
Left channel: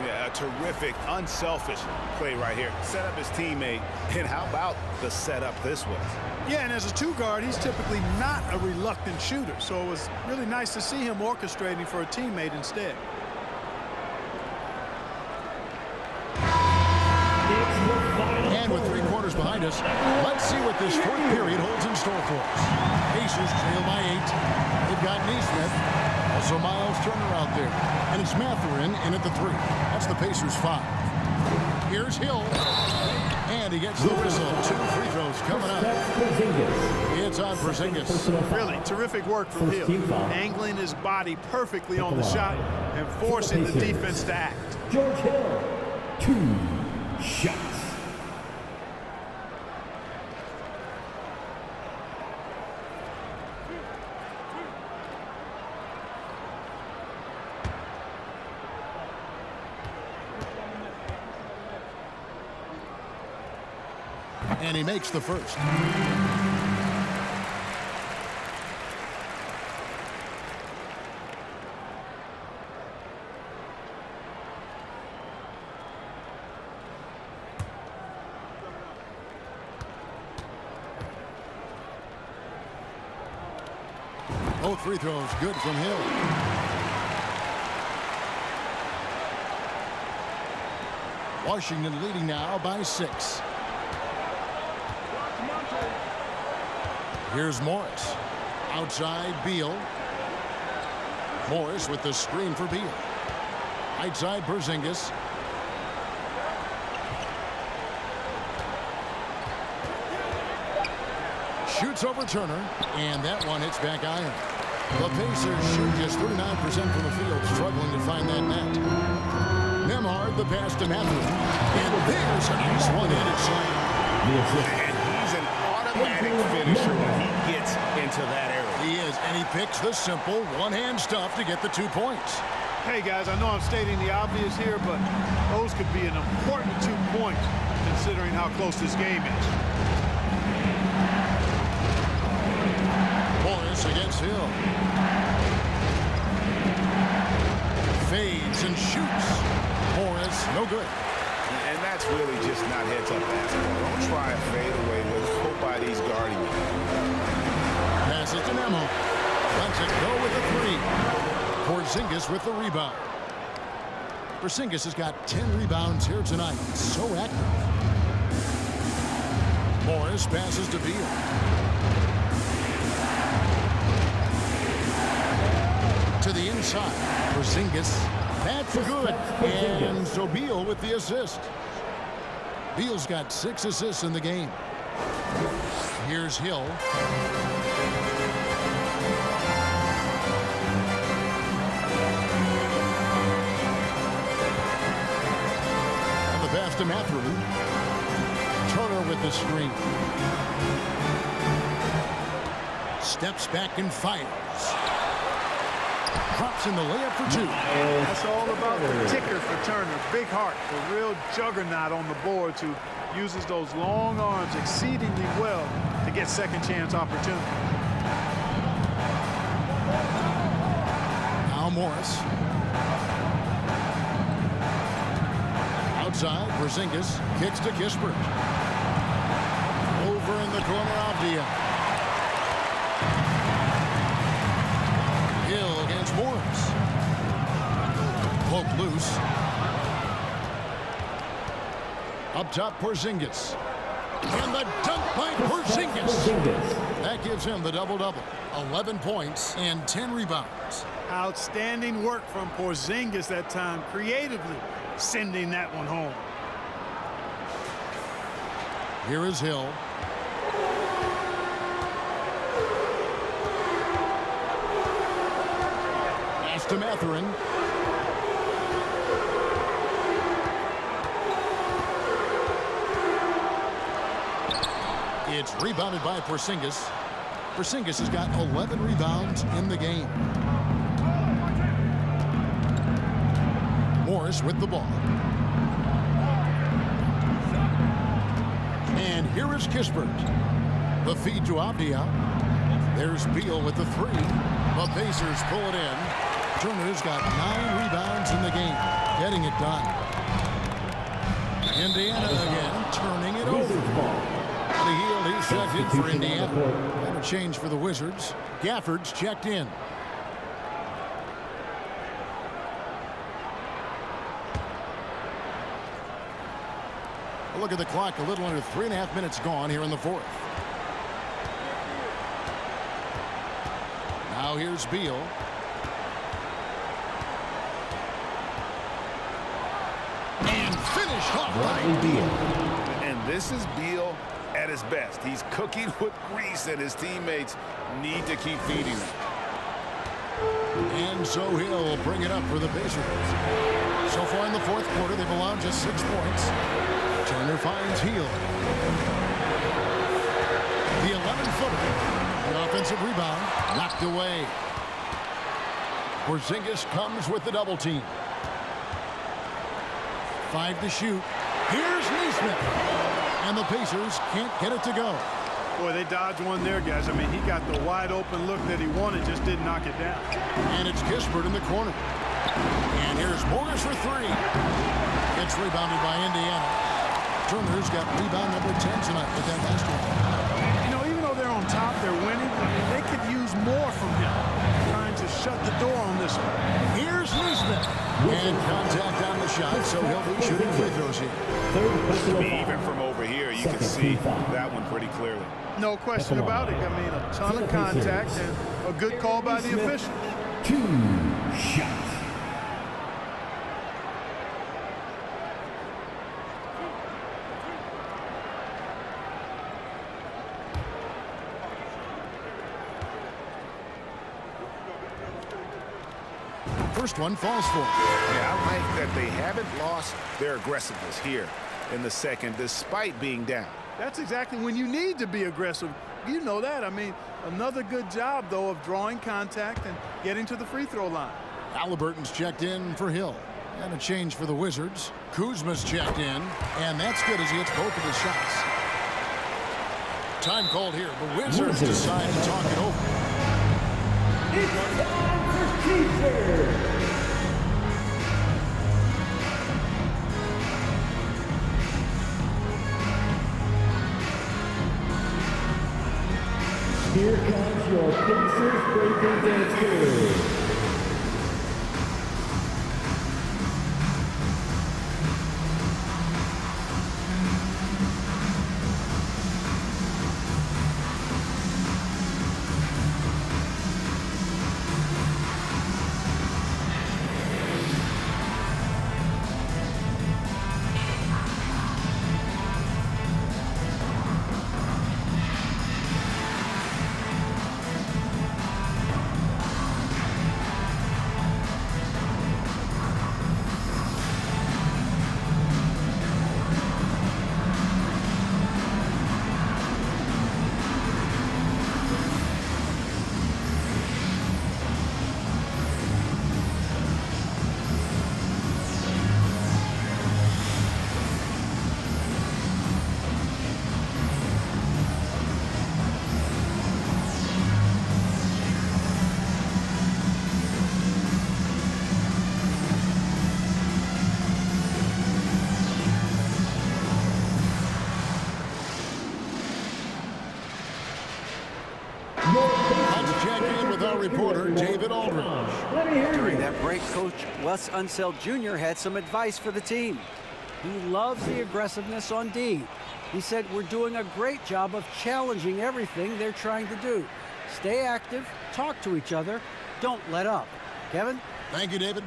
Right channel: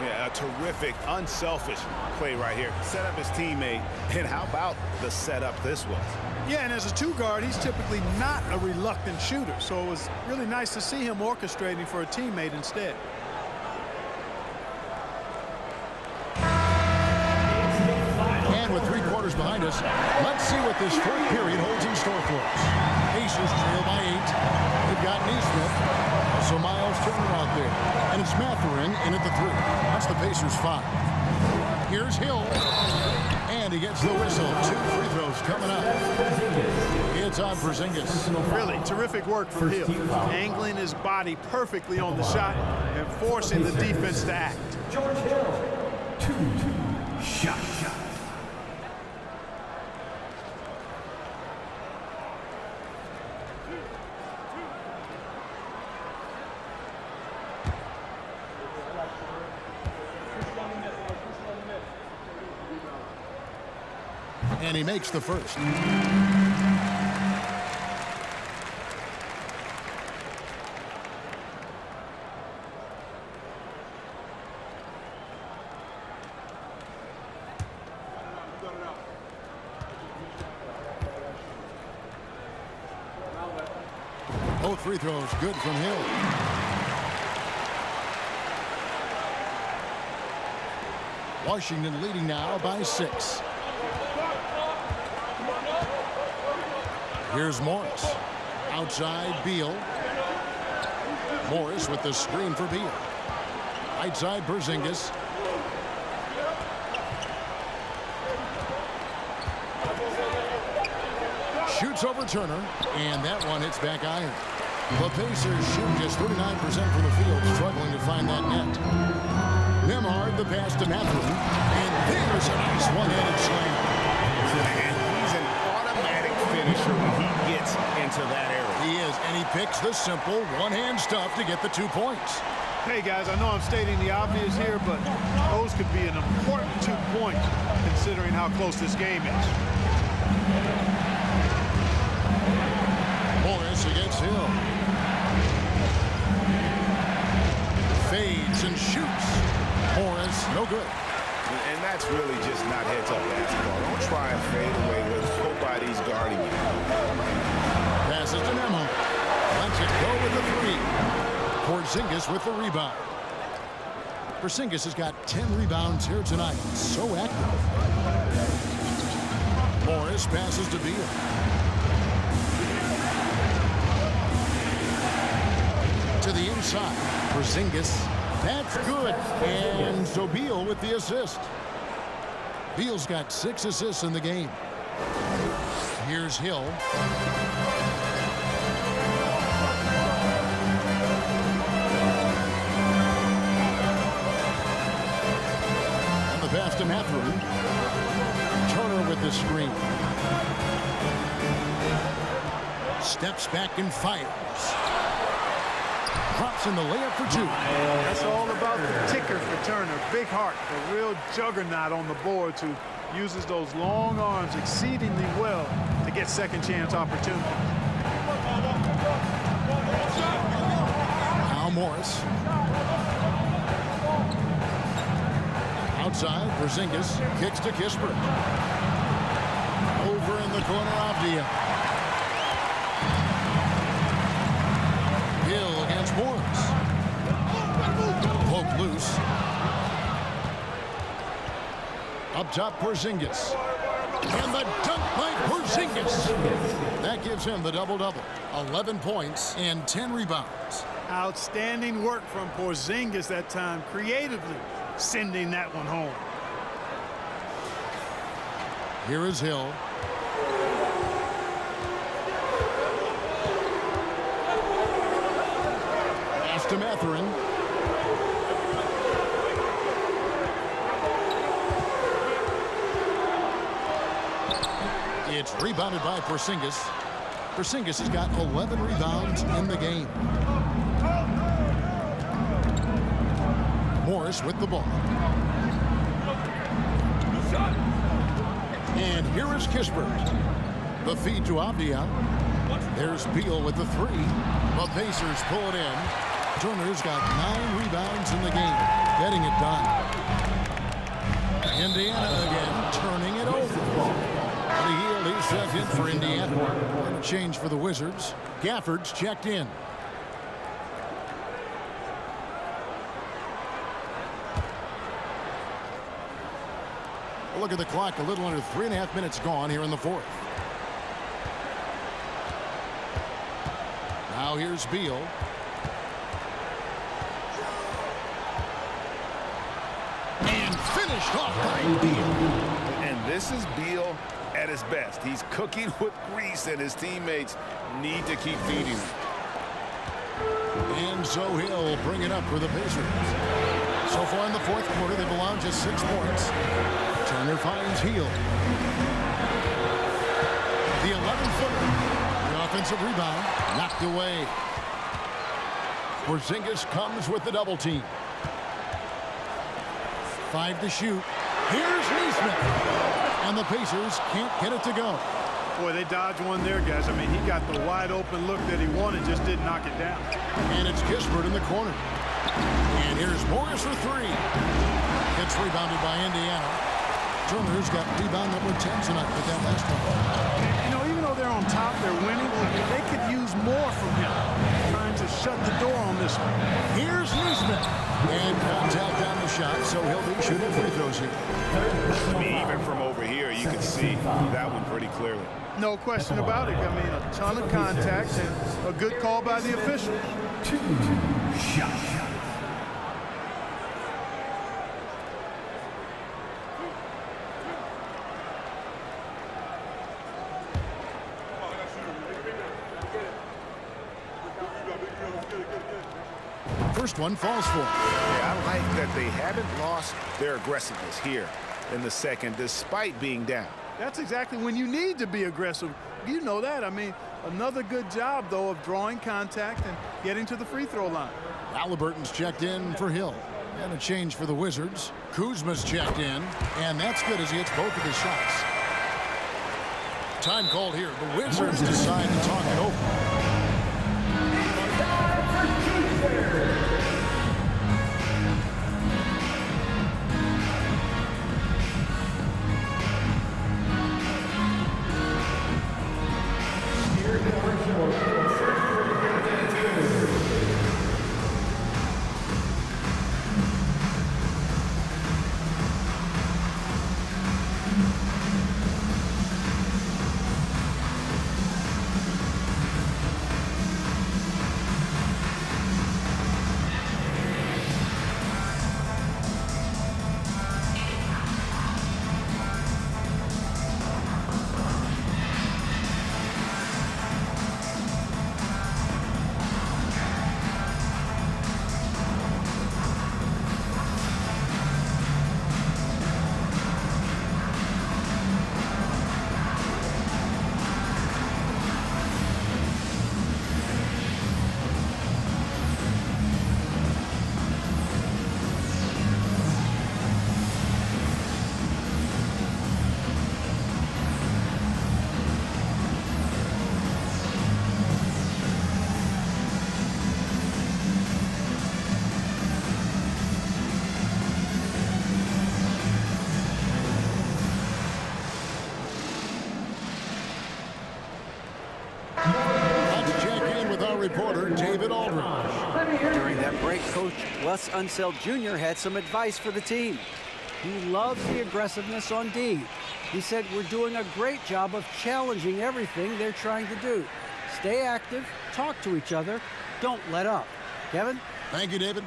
Yeah, a terrific, unselfish play right here. Set up his teammate, and how about the setup this was? Yeah, and as a two-guard, he's typically not a reluctant shooter, so it was really nice to see him orchestrating for a teammate instead. And with 3 quarters behind us, let's see what this fourth period holds in store for us. Pacers trail by 8. They've got Neesmith, also Miles Turner out there. And it's Mathurin in at the 3. That's the Pacers' 5. Here's Hill. And he gets the whistle. 2 free throws coming up. It's on Porzingis. Really terrific work from Hill. Angling his body perfectly on the shot and forcing the defense to act. George Hill, 2 shots. And he makes the first. Both free throws good from Hill. Washington leading now by 6. Here's Morris. Outside Beal. Morris with the screen for Beal. Right side Porzingis. Shoots over Turner, and that one hits back iron. The Pacers shoot just 39% from the field, struggling to find that net. Nembhard the pass to Mathurin, and there's a nice one-handed slam. And he's an automatic finisher when he gets into that area. He is, and he picks the simple one-hand stuff to get the 2 points. Hey, guys, I know I'm stating the obvious here, but those could be an important 2 points considering how close this game is. Morris against Hill. Fades and shoots. Morris, no good. And that's really just not heads-up basketball. Don't try and fade away when nobody's guarding you. Passes to Nembhard. Lets it go with the 3. Porzingis with the rebound. Porzingis has got 10 rebounds here tonight. So active. Morris passes to Beal. To the inside. Porzingis. That's good. And so Beal with the assist. Beal's got 6 assists in the game. Here's Hill. pass to Mathurin. Turner with the screen. Steps back and fires. Drops in the layup for two. That's all about the ticker for Turner. Big heart, a real juggernaut on the boards who uses those long arms exceedingly well to get second chance opportunities. Now Morris. Outside, Porzingis kicks to Kispert. Over in the corner, Avdia. Hill against Morris. Poke loose. Up top, Porzingis. And the dunk by Porzingis. That gives him the double-double. 11 points and 10 rebounds. Outstanding work from Porzingis that time, creatively sending that one home. Here is Hill. Pass to Mathurin. It's rebounded by Porzingis. Porzingis has got 11 rebounds in the game. Morris with the ball. And here is Kispert. The feed to Avdia. There's Beal with the three. The Pacers pull it in. Turner's got 9 rebounds in the game. Getting it done. Indiana again, turning it over. Buddy Hield, he's checked in for Indiana. And a change for the Wizards. Gafford's checked in. A look at the clock, a little under 3.5 minutes gone here in the fourth. Now here's Beal. And finished off by Beal. And this is Beal at his best. He's cooking with grease, and his teammates need to keep feeding him. And so he'll bring it up for the Pacers. So far in the fourth quarter, they've allowed just 6 points. Turner finds Hield. The 11-footer. The offensive rebound knocked away. Porzingis comes with the double team. 5 to shoot. Here's Nesmith. And the Pacers can't get it to go. Boy, they dodged one there, guys. I mean, he got the wide open look that he wanted, just didn't knock it down. And it's Kispert in the corner. And here's Morris for 3. Gets rebounded by Indiana. Turner's got rebound number 10 tonight with that last one. You know, even though they're on top, they're winning, they could use more from him. Trying to shut the door on this one. Here's Nesmith. And contact on the shot, so he'll be shooting free throws here. I mean, even from over here, you can see that one pretty clearly. No question about it. I mean, a ton of contact and a good call by the officials. 2 shots. First one falls for him. Yeah, I like that they haven't lost their aggressiveness here in the second, despite being down. That's exactly when you need to be aggressive. You know that. I mean, another good job, though, of drawing contact and getting to the free throw line. Halliburton's checked in for Hill. And a change for the Wizards. Kuzma's checked in. And that's good as he hits both of his shots. Time called here. The Wizards decide to talk it over. It's time for Keeper. Here comes your Pacers breaking dance game. with our reporter, David Aldridge. During that break, Coach Wes Unseld Jr. had some advice for the team. He loves the aggressiveness on D. He said, we're doing a great job of challenging everything they're trying to do. Stay active, talk to each other, don't let up. Kevin? Thank you, David.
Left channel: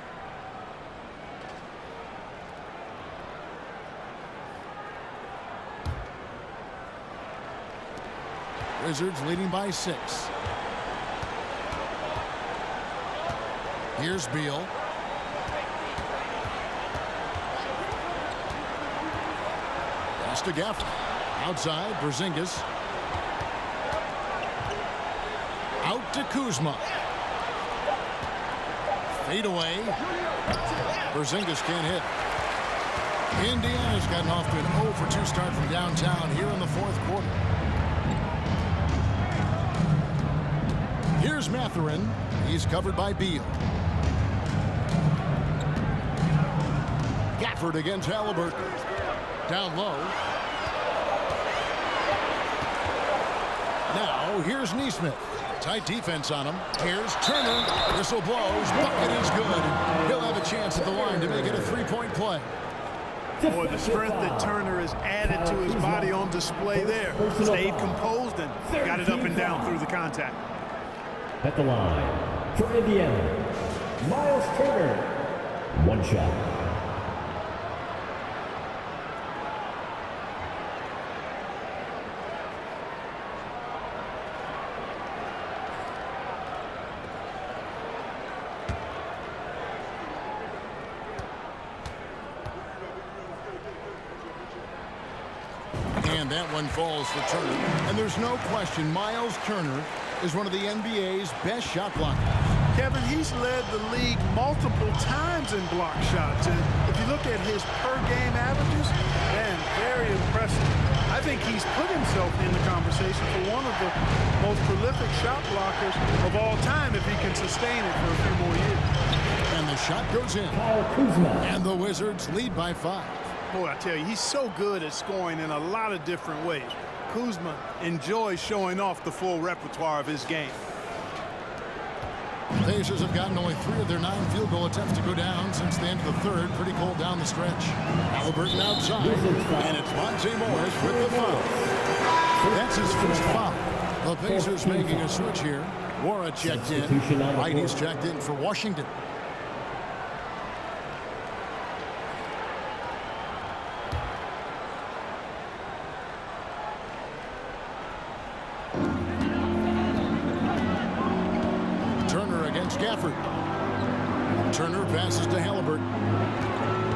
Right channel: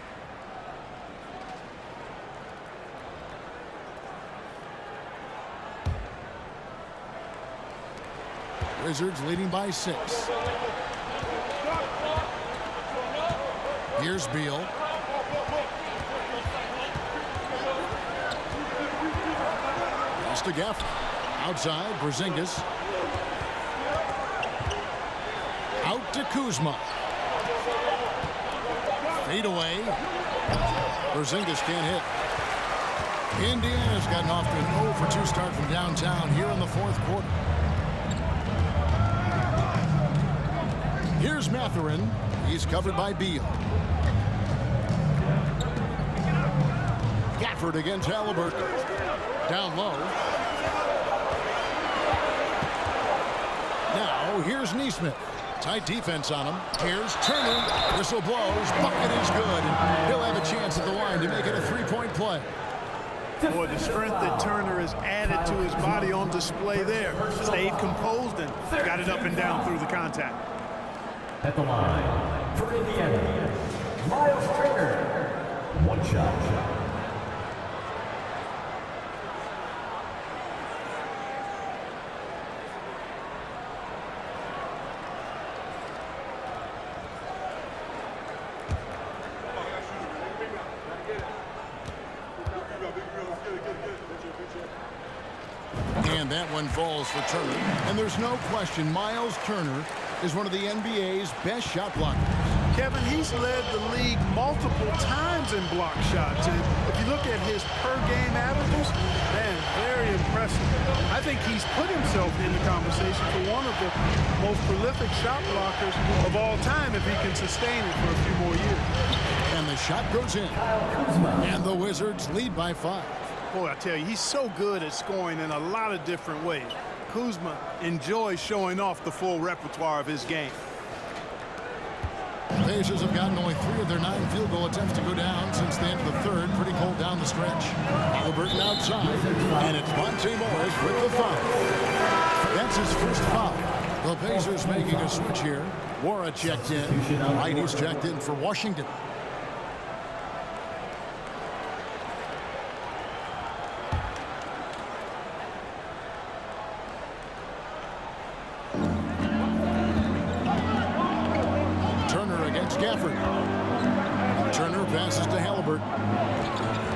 Wizards leading by 6. Here's Beal. Pass to Gaffney. Outside, Porzingis. Out to Kuzma. Fade away. Porzingis can't hit. Indiana's gotten off to an 0 for 2 start from downtown here in the 4th quarter. Here's Mathurin. He's covered by Beal. Gafford against Halliburton. Down low. Now here's Nesmith. Tight defense on him. Here's Turner. Whistle blows. Bucket is good. And he'll have a chance at the line to make it a 3-point play. Boy, the strength that Turner has added to his body on display there. Stayed composed and got it up and down through the contact. At the line for Indiana, Miles Turner. 1 shot. And that one falls for Turner. And there's no question Miles Turner is one of the NBA's best shot blockers. Kevin, he's led the league multiple times in block shots. And if you look at his per-game averages, man, very impressive. I think he's put himself in the conversation for one of the most prolific shot blockers of all time if he can sustain it for a few more years. And the shot goes in. And the Wizards lead by 5. Boy, I tell you, he's so good at scoring in a lot of different ways. Kuzma enjoys showing off the full repertoire of his game. The Pacers have gotten only 3 of their 9 field goal attempts to go down since the end of the 3rd. Pretty cold down the stretch. Halliburton outside, and it's Monte Morris with the foul. That's his first foul. The Pacers making a switch here. Wara checked in. Wright checked in for Washington. Turner against Gafford. Turner passes to Halliburton.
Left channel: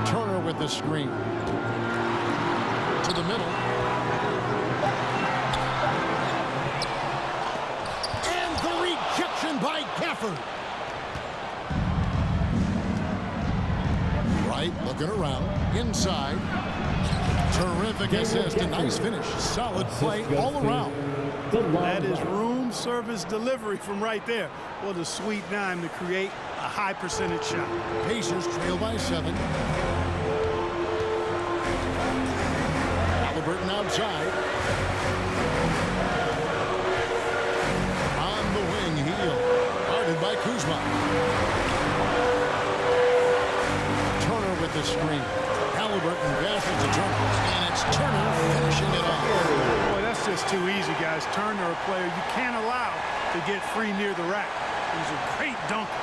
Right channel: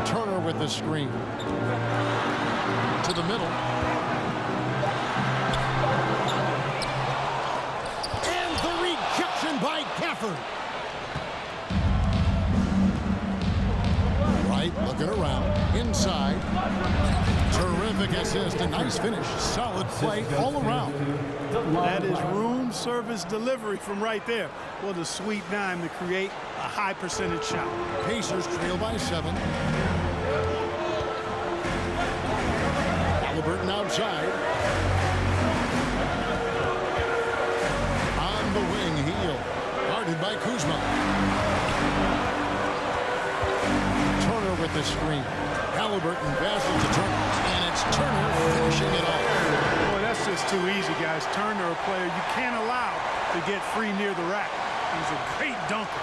Turner with the screen. To the middle. And the rejection by Gafford. Wright looking around. Inside. Terrific assist. A nice finish. Solid play all around. That is room service delivery from right there. What a sweet dime to create a high percentage shot. Pacers trail by 7. Halliburton outside. On the wing, Heel. Guarded by Kuzma. Turner with the screen. Halliburton passes to Turner, and it's Turner finishing it off. Boy, that's just too easy, guys. Turner, a player you can't allow to get free near the rack. He's a great dunker.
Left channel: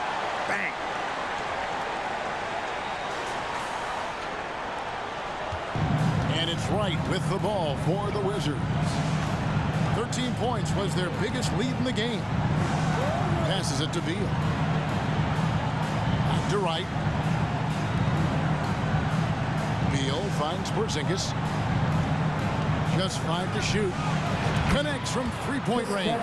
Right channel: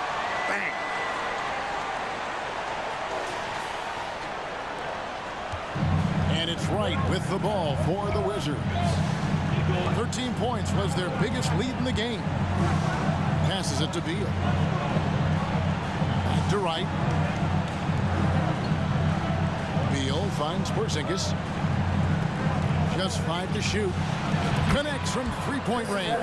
Bang. And it's Wright with the ball for the Wizards. 13 points was their biggest lead in the game. Passes it to Beal. Back to Wright. Beal finds Porzingis. Just 5 to shoot. Connects from 3-point range.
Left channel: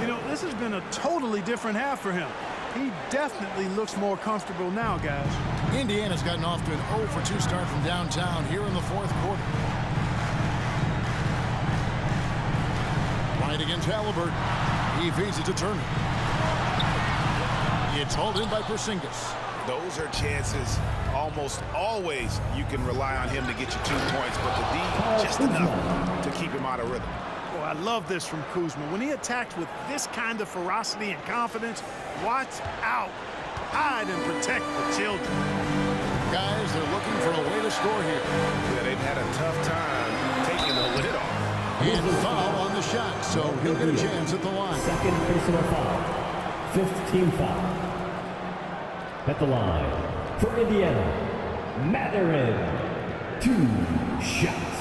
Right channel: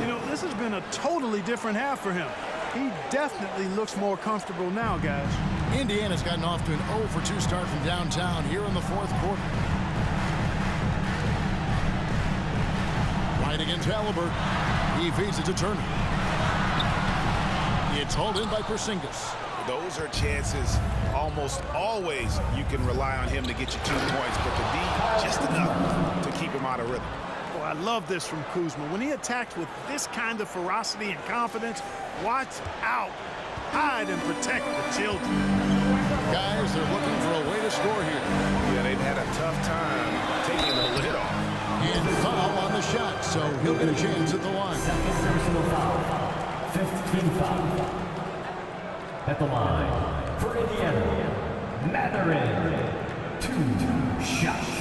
You know, this has been a totally different half for him. He definitely looks more comfortable now, guys. Indiana's gotten off to an 0 for 2 start from downtown here in the 4th quarter. Right against Halliburton. He feeds it to Turner. It's hauled in by Porzingis. Those are chances almost always you can rely on him to get you 2 points, but the D just enough to keep him out of rhythm. Oh, I love this from Kuzma. When he attacks with this kind of ferocity and confidence, watch out. Hide and protect the children. Guys, they're looking for a way to score here. Yeah, they've had a tough time taking the lid off. And foul on the shot, so he'll get a chance at the line. Second personal foul. 5th team foul. At the line for Indiana, Matherin. 2 shots.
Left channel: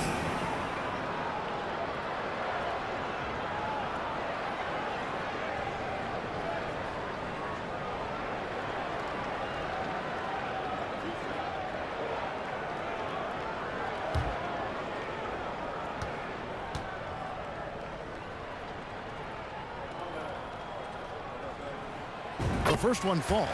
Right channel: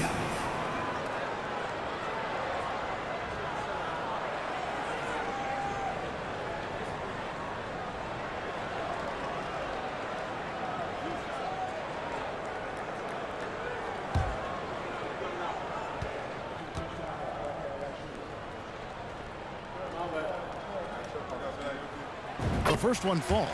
The first one falls.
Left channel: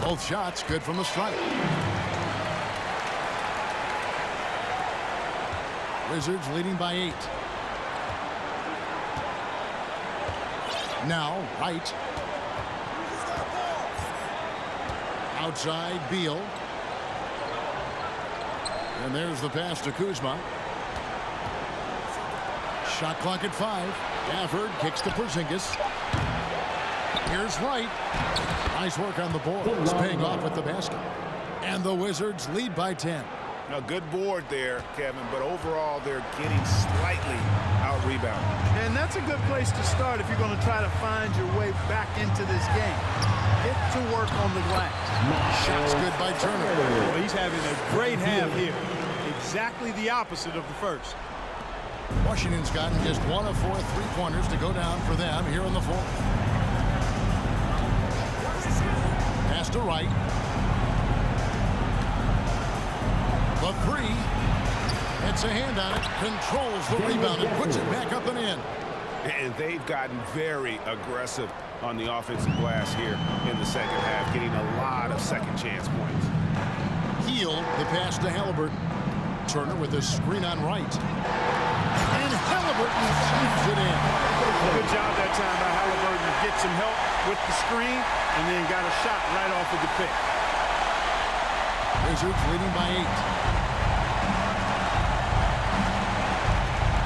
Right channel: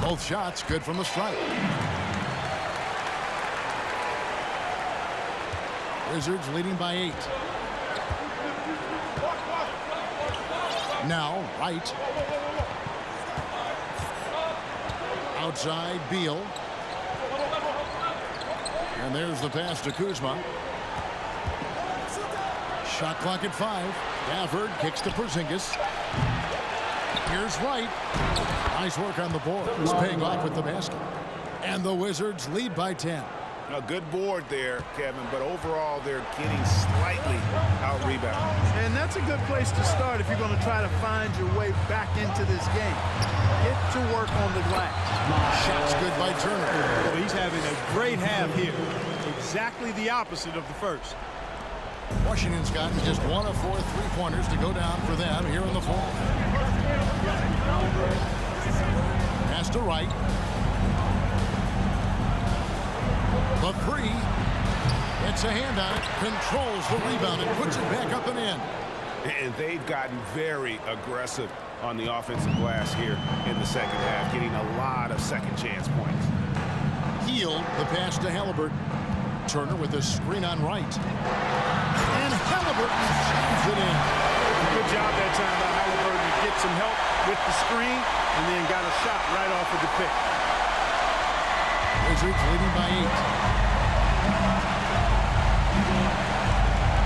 Both shots good from the stripe. Wizards leading by 8. Now, Wright. Outside, Beal. And there's the pass to Kuzma. Shot clock at 5. Gafford kicks to Porzingis. Here's Wright. Nice work on the board. It's paying off with the basket. And the Wizards lead by 10. A good board there, Kevin, but overall they're getting slightly out-rebounded. And that's a good place to start if you're going to try to find your way back into this game. Get to work on the glass. Shots good by Turner. Well, he's having a great half here. Exactly the opposite of the first. Washington's gotten just 1 of 4 3-pointers to go down for them here in the fourth. Pass to Wright. The 3. It's a hand on it. Controls the rebound and puts it back up and in. And they've gotten very aggressive on the offensive glass here in the second half, getting a lot of second chance points. Healed the pass to Halliburton. Turner with a screen on Wright. And Halliburton slams it in. Good job that time by Halliburton to get some help with the screen and then got a shot right off of the pick. Wizards leading by 8.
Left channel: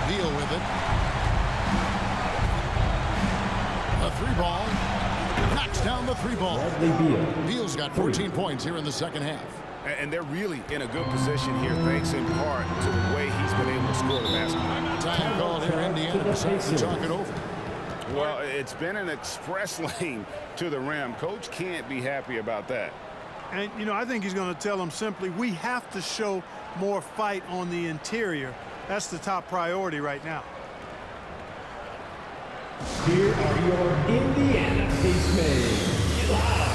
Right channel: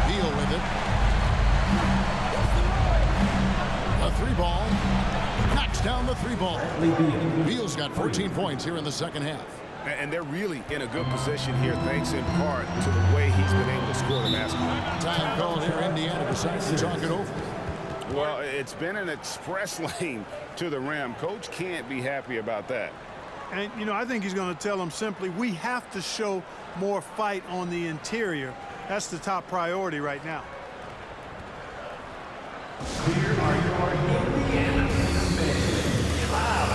Beal with it. The 3-ball. Knocks down the 3-ball. Beal's got 14 points here in the second half. And they're really in a good position here, thanks in part to the way he's been able to score the basketball. Time called here. Indiana decides to talk it over. Well, it's been an express lane to the rim. Coach can't be happy about that. And, you know, I think he's going to tell them simply, we have to show more fight on the interior. That's the top priority right now. Here are your Indiana Pacemakers. Loud.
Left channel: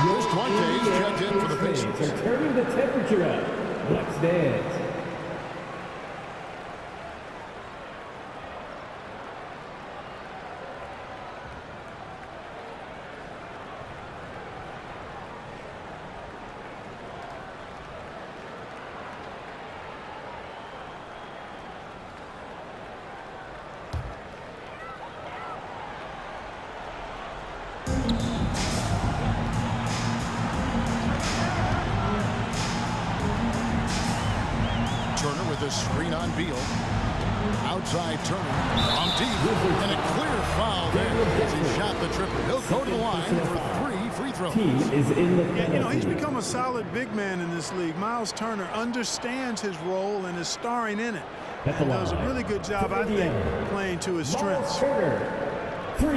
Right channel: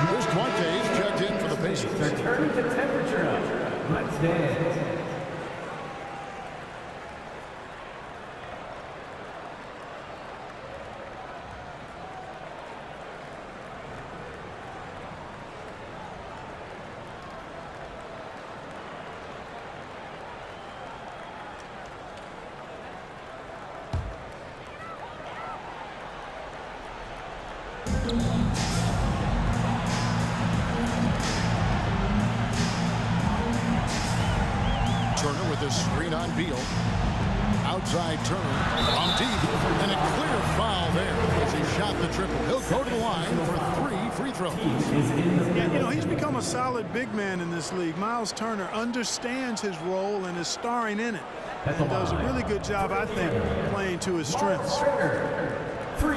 Here's Duante's checked in for the Pacers. They're turning the temperature up. Let's dance. Turner with a screen on Beal. Outside Turner from deep, and a clear foul there as he shot the triple. He'll go to the line for 3 free throws. Yeah, he's become a solid big man in this league. Miles Turner understands his role and is starring in it. And does a really good job, I think, playing to his strengths. 3.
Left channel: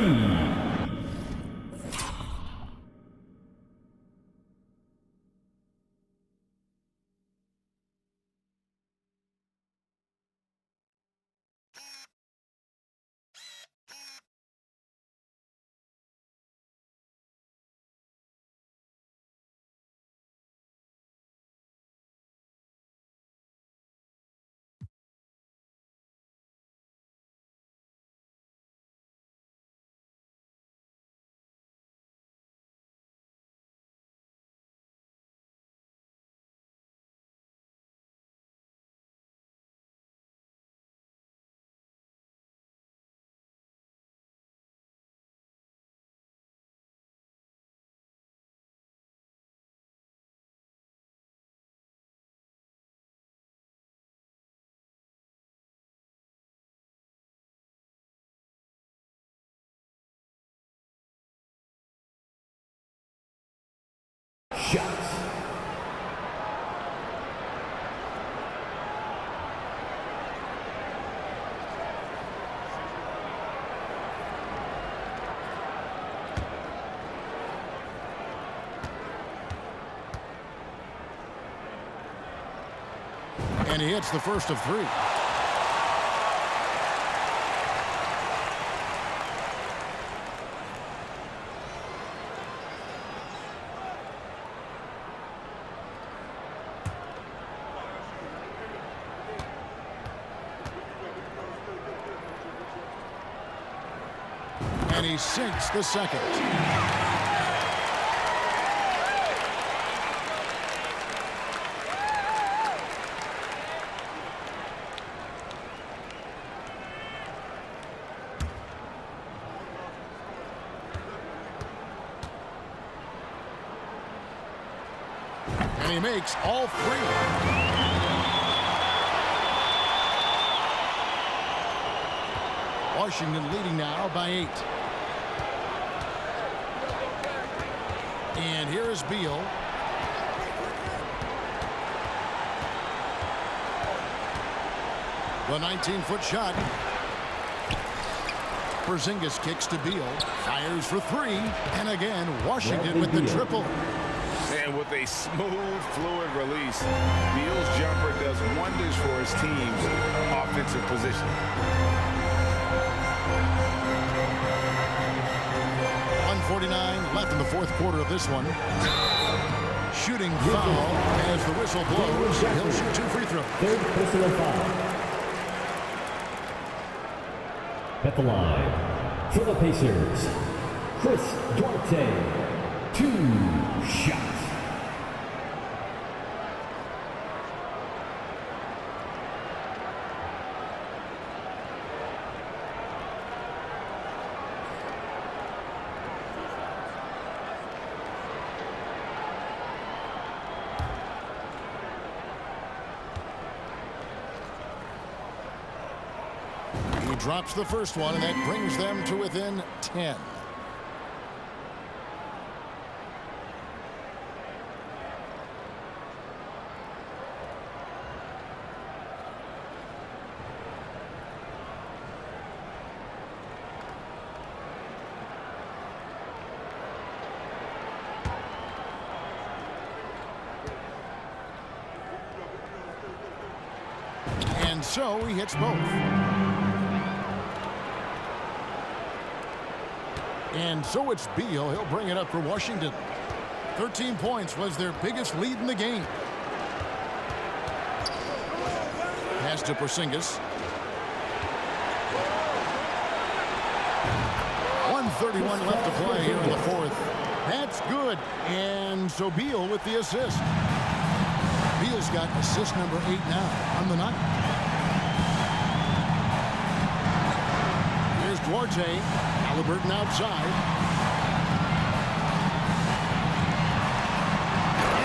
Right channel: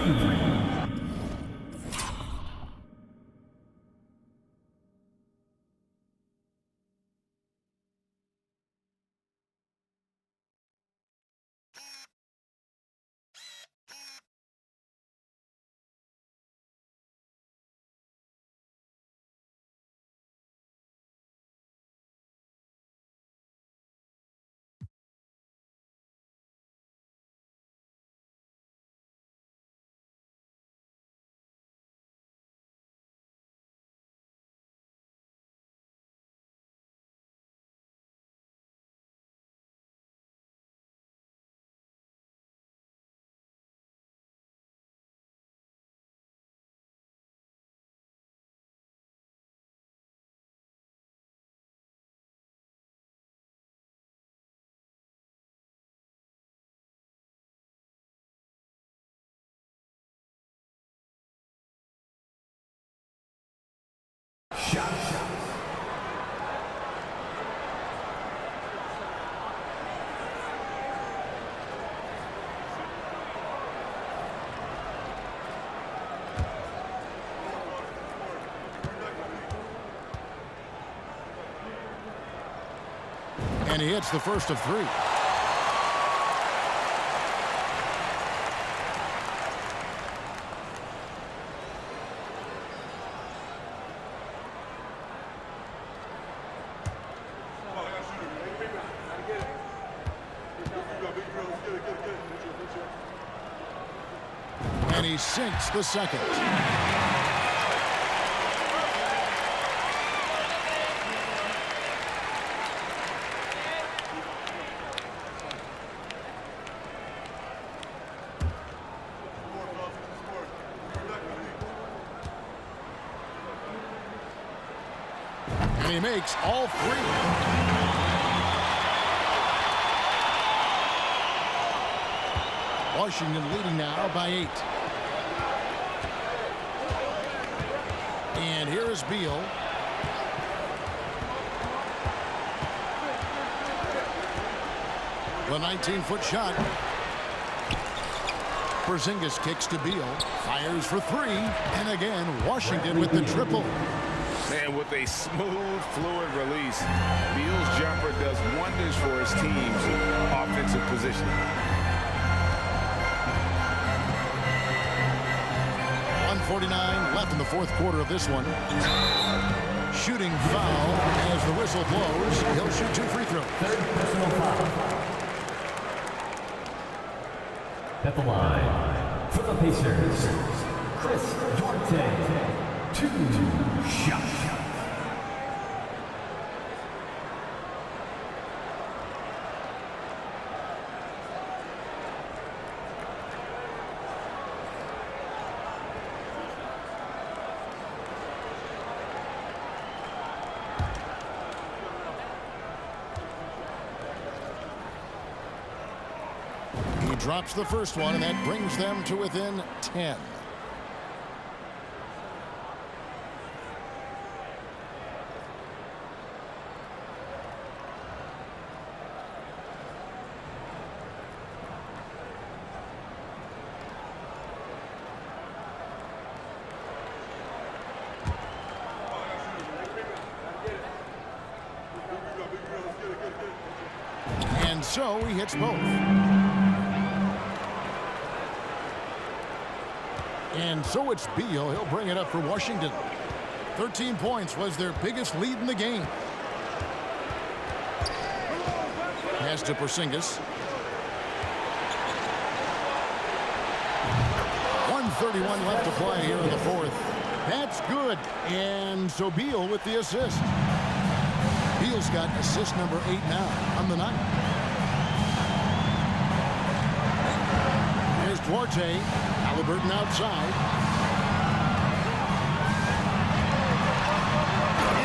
Shots. And he hits the first of 3. And he sinks the second. And he makes all 3. Washington leading now by 8. And here is Beal. The 19-foot shot. Porzingis kicks to Beal. Fires for 3. And again, Washington with the triple. And with a smooth, fluid release, Beal's jumper does wonders for his team's offensive positioning. 1:49 left in the fourth quarter of this one. Shooting foul as the whistle blows. He'll shoot 2 free throws. Third personal foul. At the line for the Pacers, Chris Duarte. 2 shots. He drops the first one, and that brings them to within 10. And so he hits both. And so it's Beal. He'll bring it up for Washington. 13 points was their biggest lead in the game. Pass to Porzingis. 1:31 left to play here in the fourth. That's good. And so Beal with the assist. Beal's got assist number 8 now on the night. Here's Duarte. Halliburton outside.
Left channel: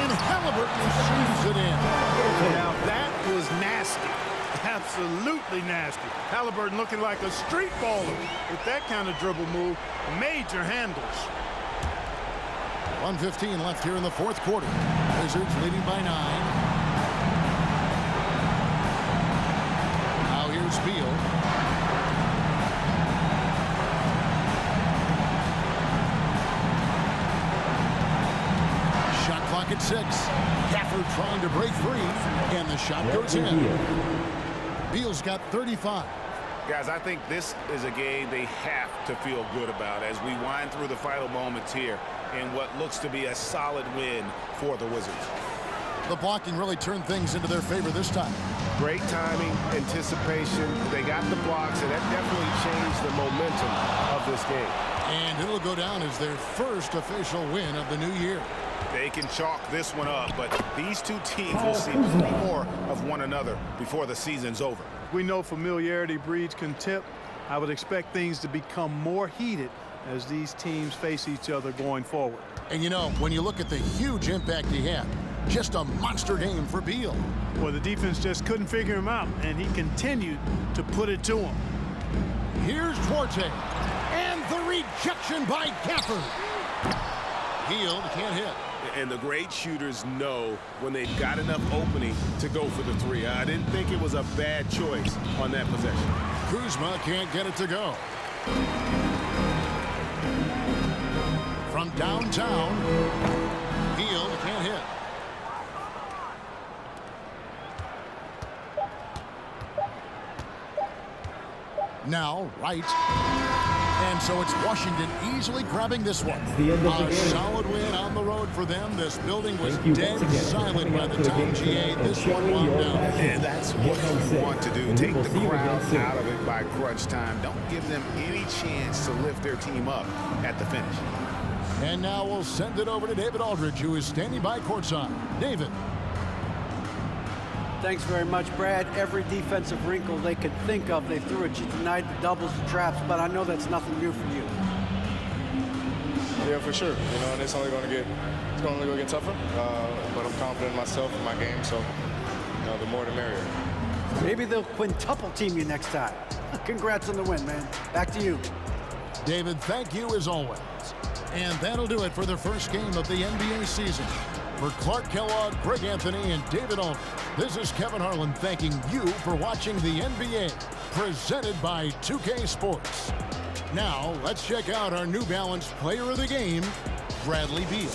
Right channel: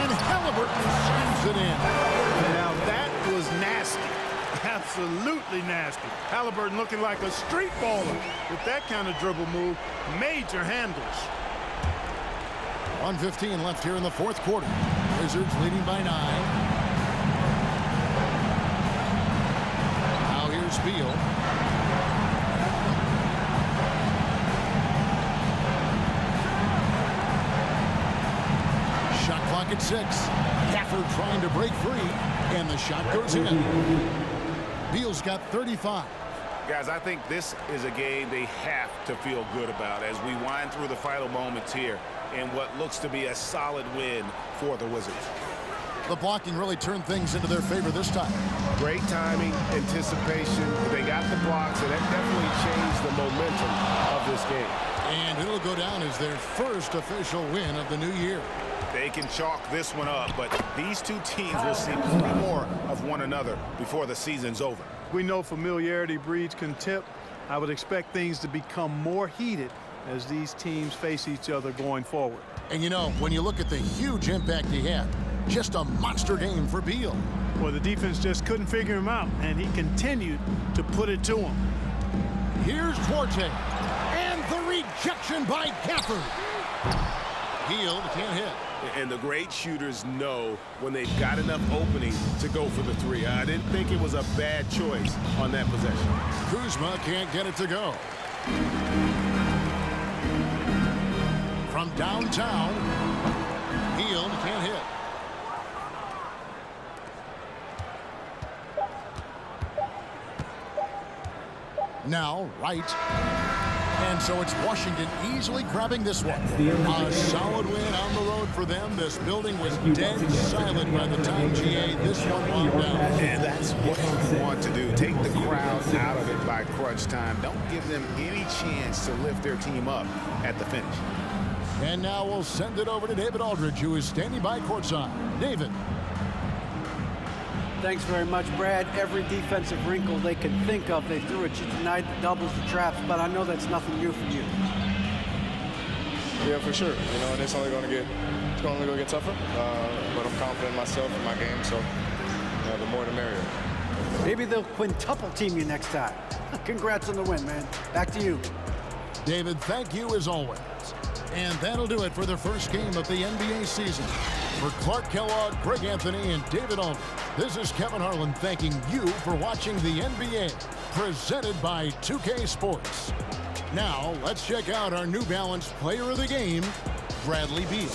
And Halliburton slams it in. Now that was nasty. Absolutely nasty. Halliburton looking like a street baller with that kind of dribble move. Major handles. 1:15 left here in the fourth quarter. Wizards leading by 9. Now here's Beal. Shot clock at 6. Gafford trying to break free, and the shot goes in. Beal's got 35. Guys, I think this is a game they have to feel good about as we wind through the final moments here in what looks to be a solid win for the Wizards. The blocking really turned things into their favor this time. Great timing, anticipation. They got the blocks, and that definitely changed the momentum of this game. And it'll go down as their first official win of the new year. They can chalk this one up, but these two teams will see plenty more of one another before the season's over. We know familiarity breeds contempt. I would expect things to become more heated as these teams face each other going forward. And you know, when you look at the huge impact he had, just a monster game for Beal. Well, the defense just couldn't figure him out, and he continued to put it to him. Here's Duarte, and the rejection by Gafford. Hield can't hit. And the great shooters know when they've got enough opening to go for the three. I didn't think it was a bad choice on that possession. Kuzma can't get it to go. From downtown, Hield can't hit. Now, Wright. And so it's Washington easily grabbing this one. A solid win on the road for them. This building was dead silent by the time GA this one wound down. And that's what you want to do. Take the crowd out of it by crunch time. Don't give them any chance to lift their team up at the finish. And now we'll send it over to David Aldridge, who is standing by courtside. David. Thanks very much, Brad. Every defensive wrinkle they could think of, they threw at you tonight, the doubles, the traps, but I know that's nothing new for you. Yeah, for sure. You know, and it's only going to get tougher. But I'm confident in myself and my game, so the more the merrier. Maybe they'll quintuple team you next time. Congrats on the win, man. Back to you. David, thank you as always. And that'll do it for the first game of the NBA season. For Clark Kellogg, Greg Anthony, and David Aldridge, this is Kevin Harlan thanking you for watching the NBA, presented by 2K Sports. Now, let's check out our New Balance Player of the Game, Bradley Beal.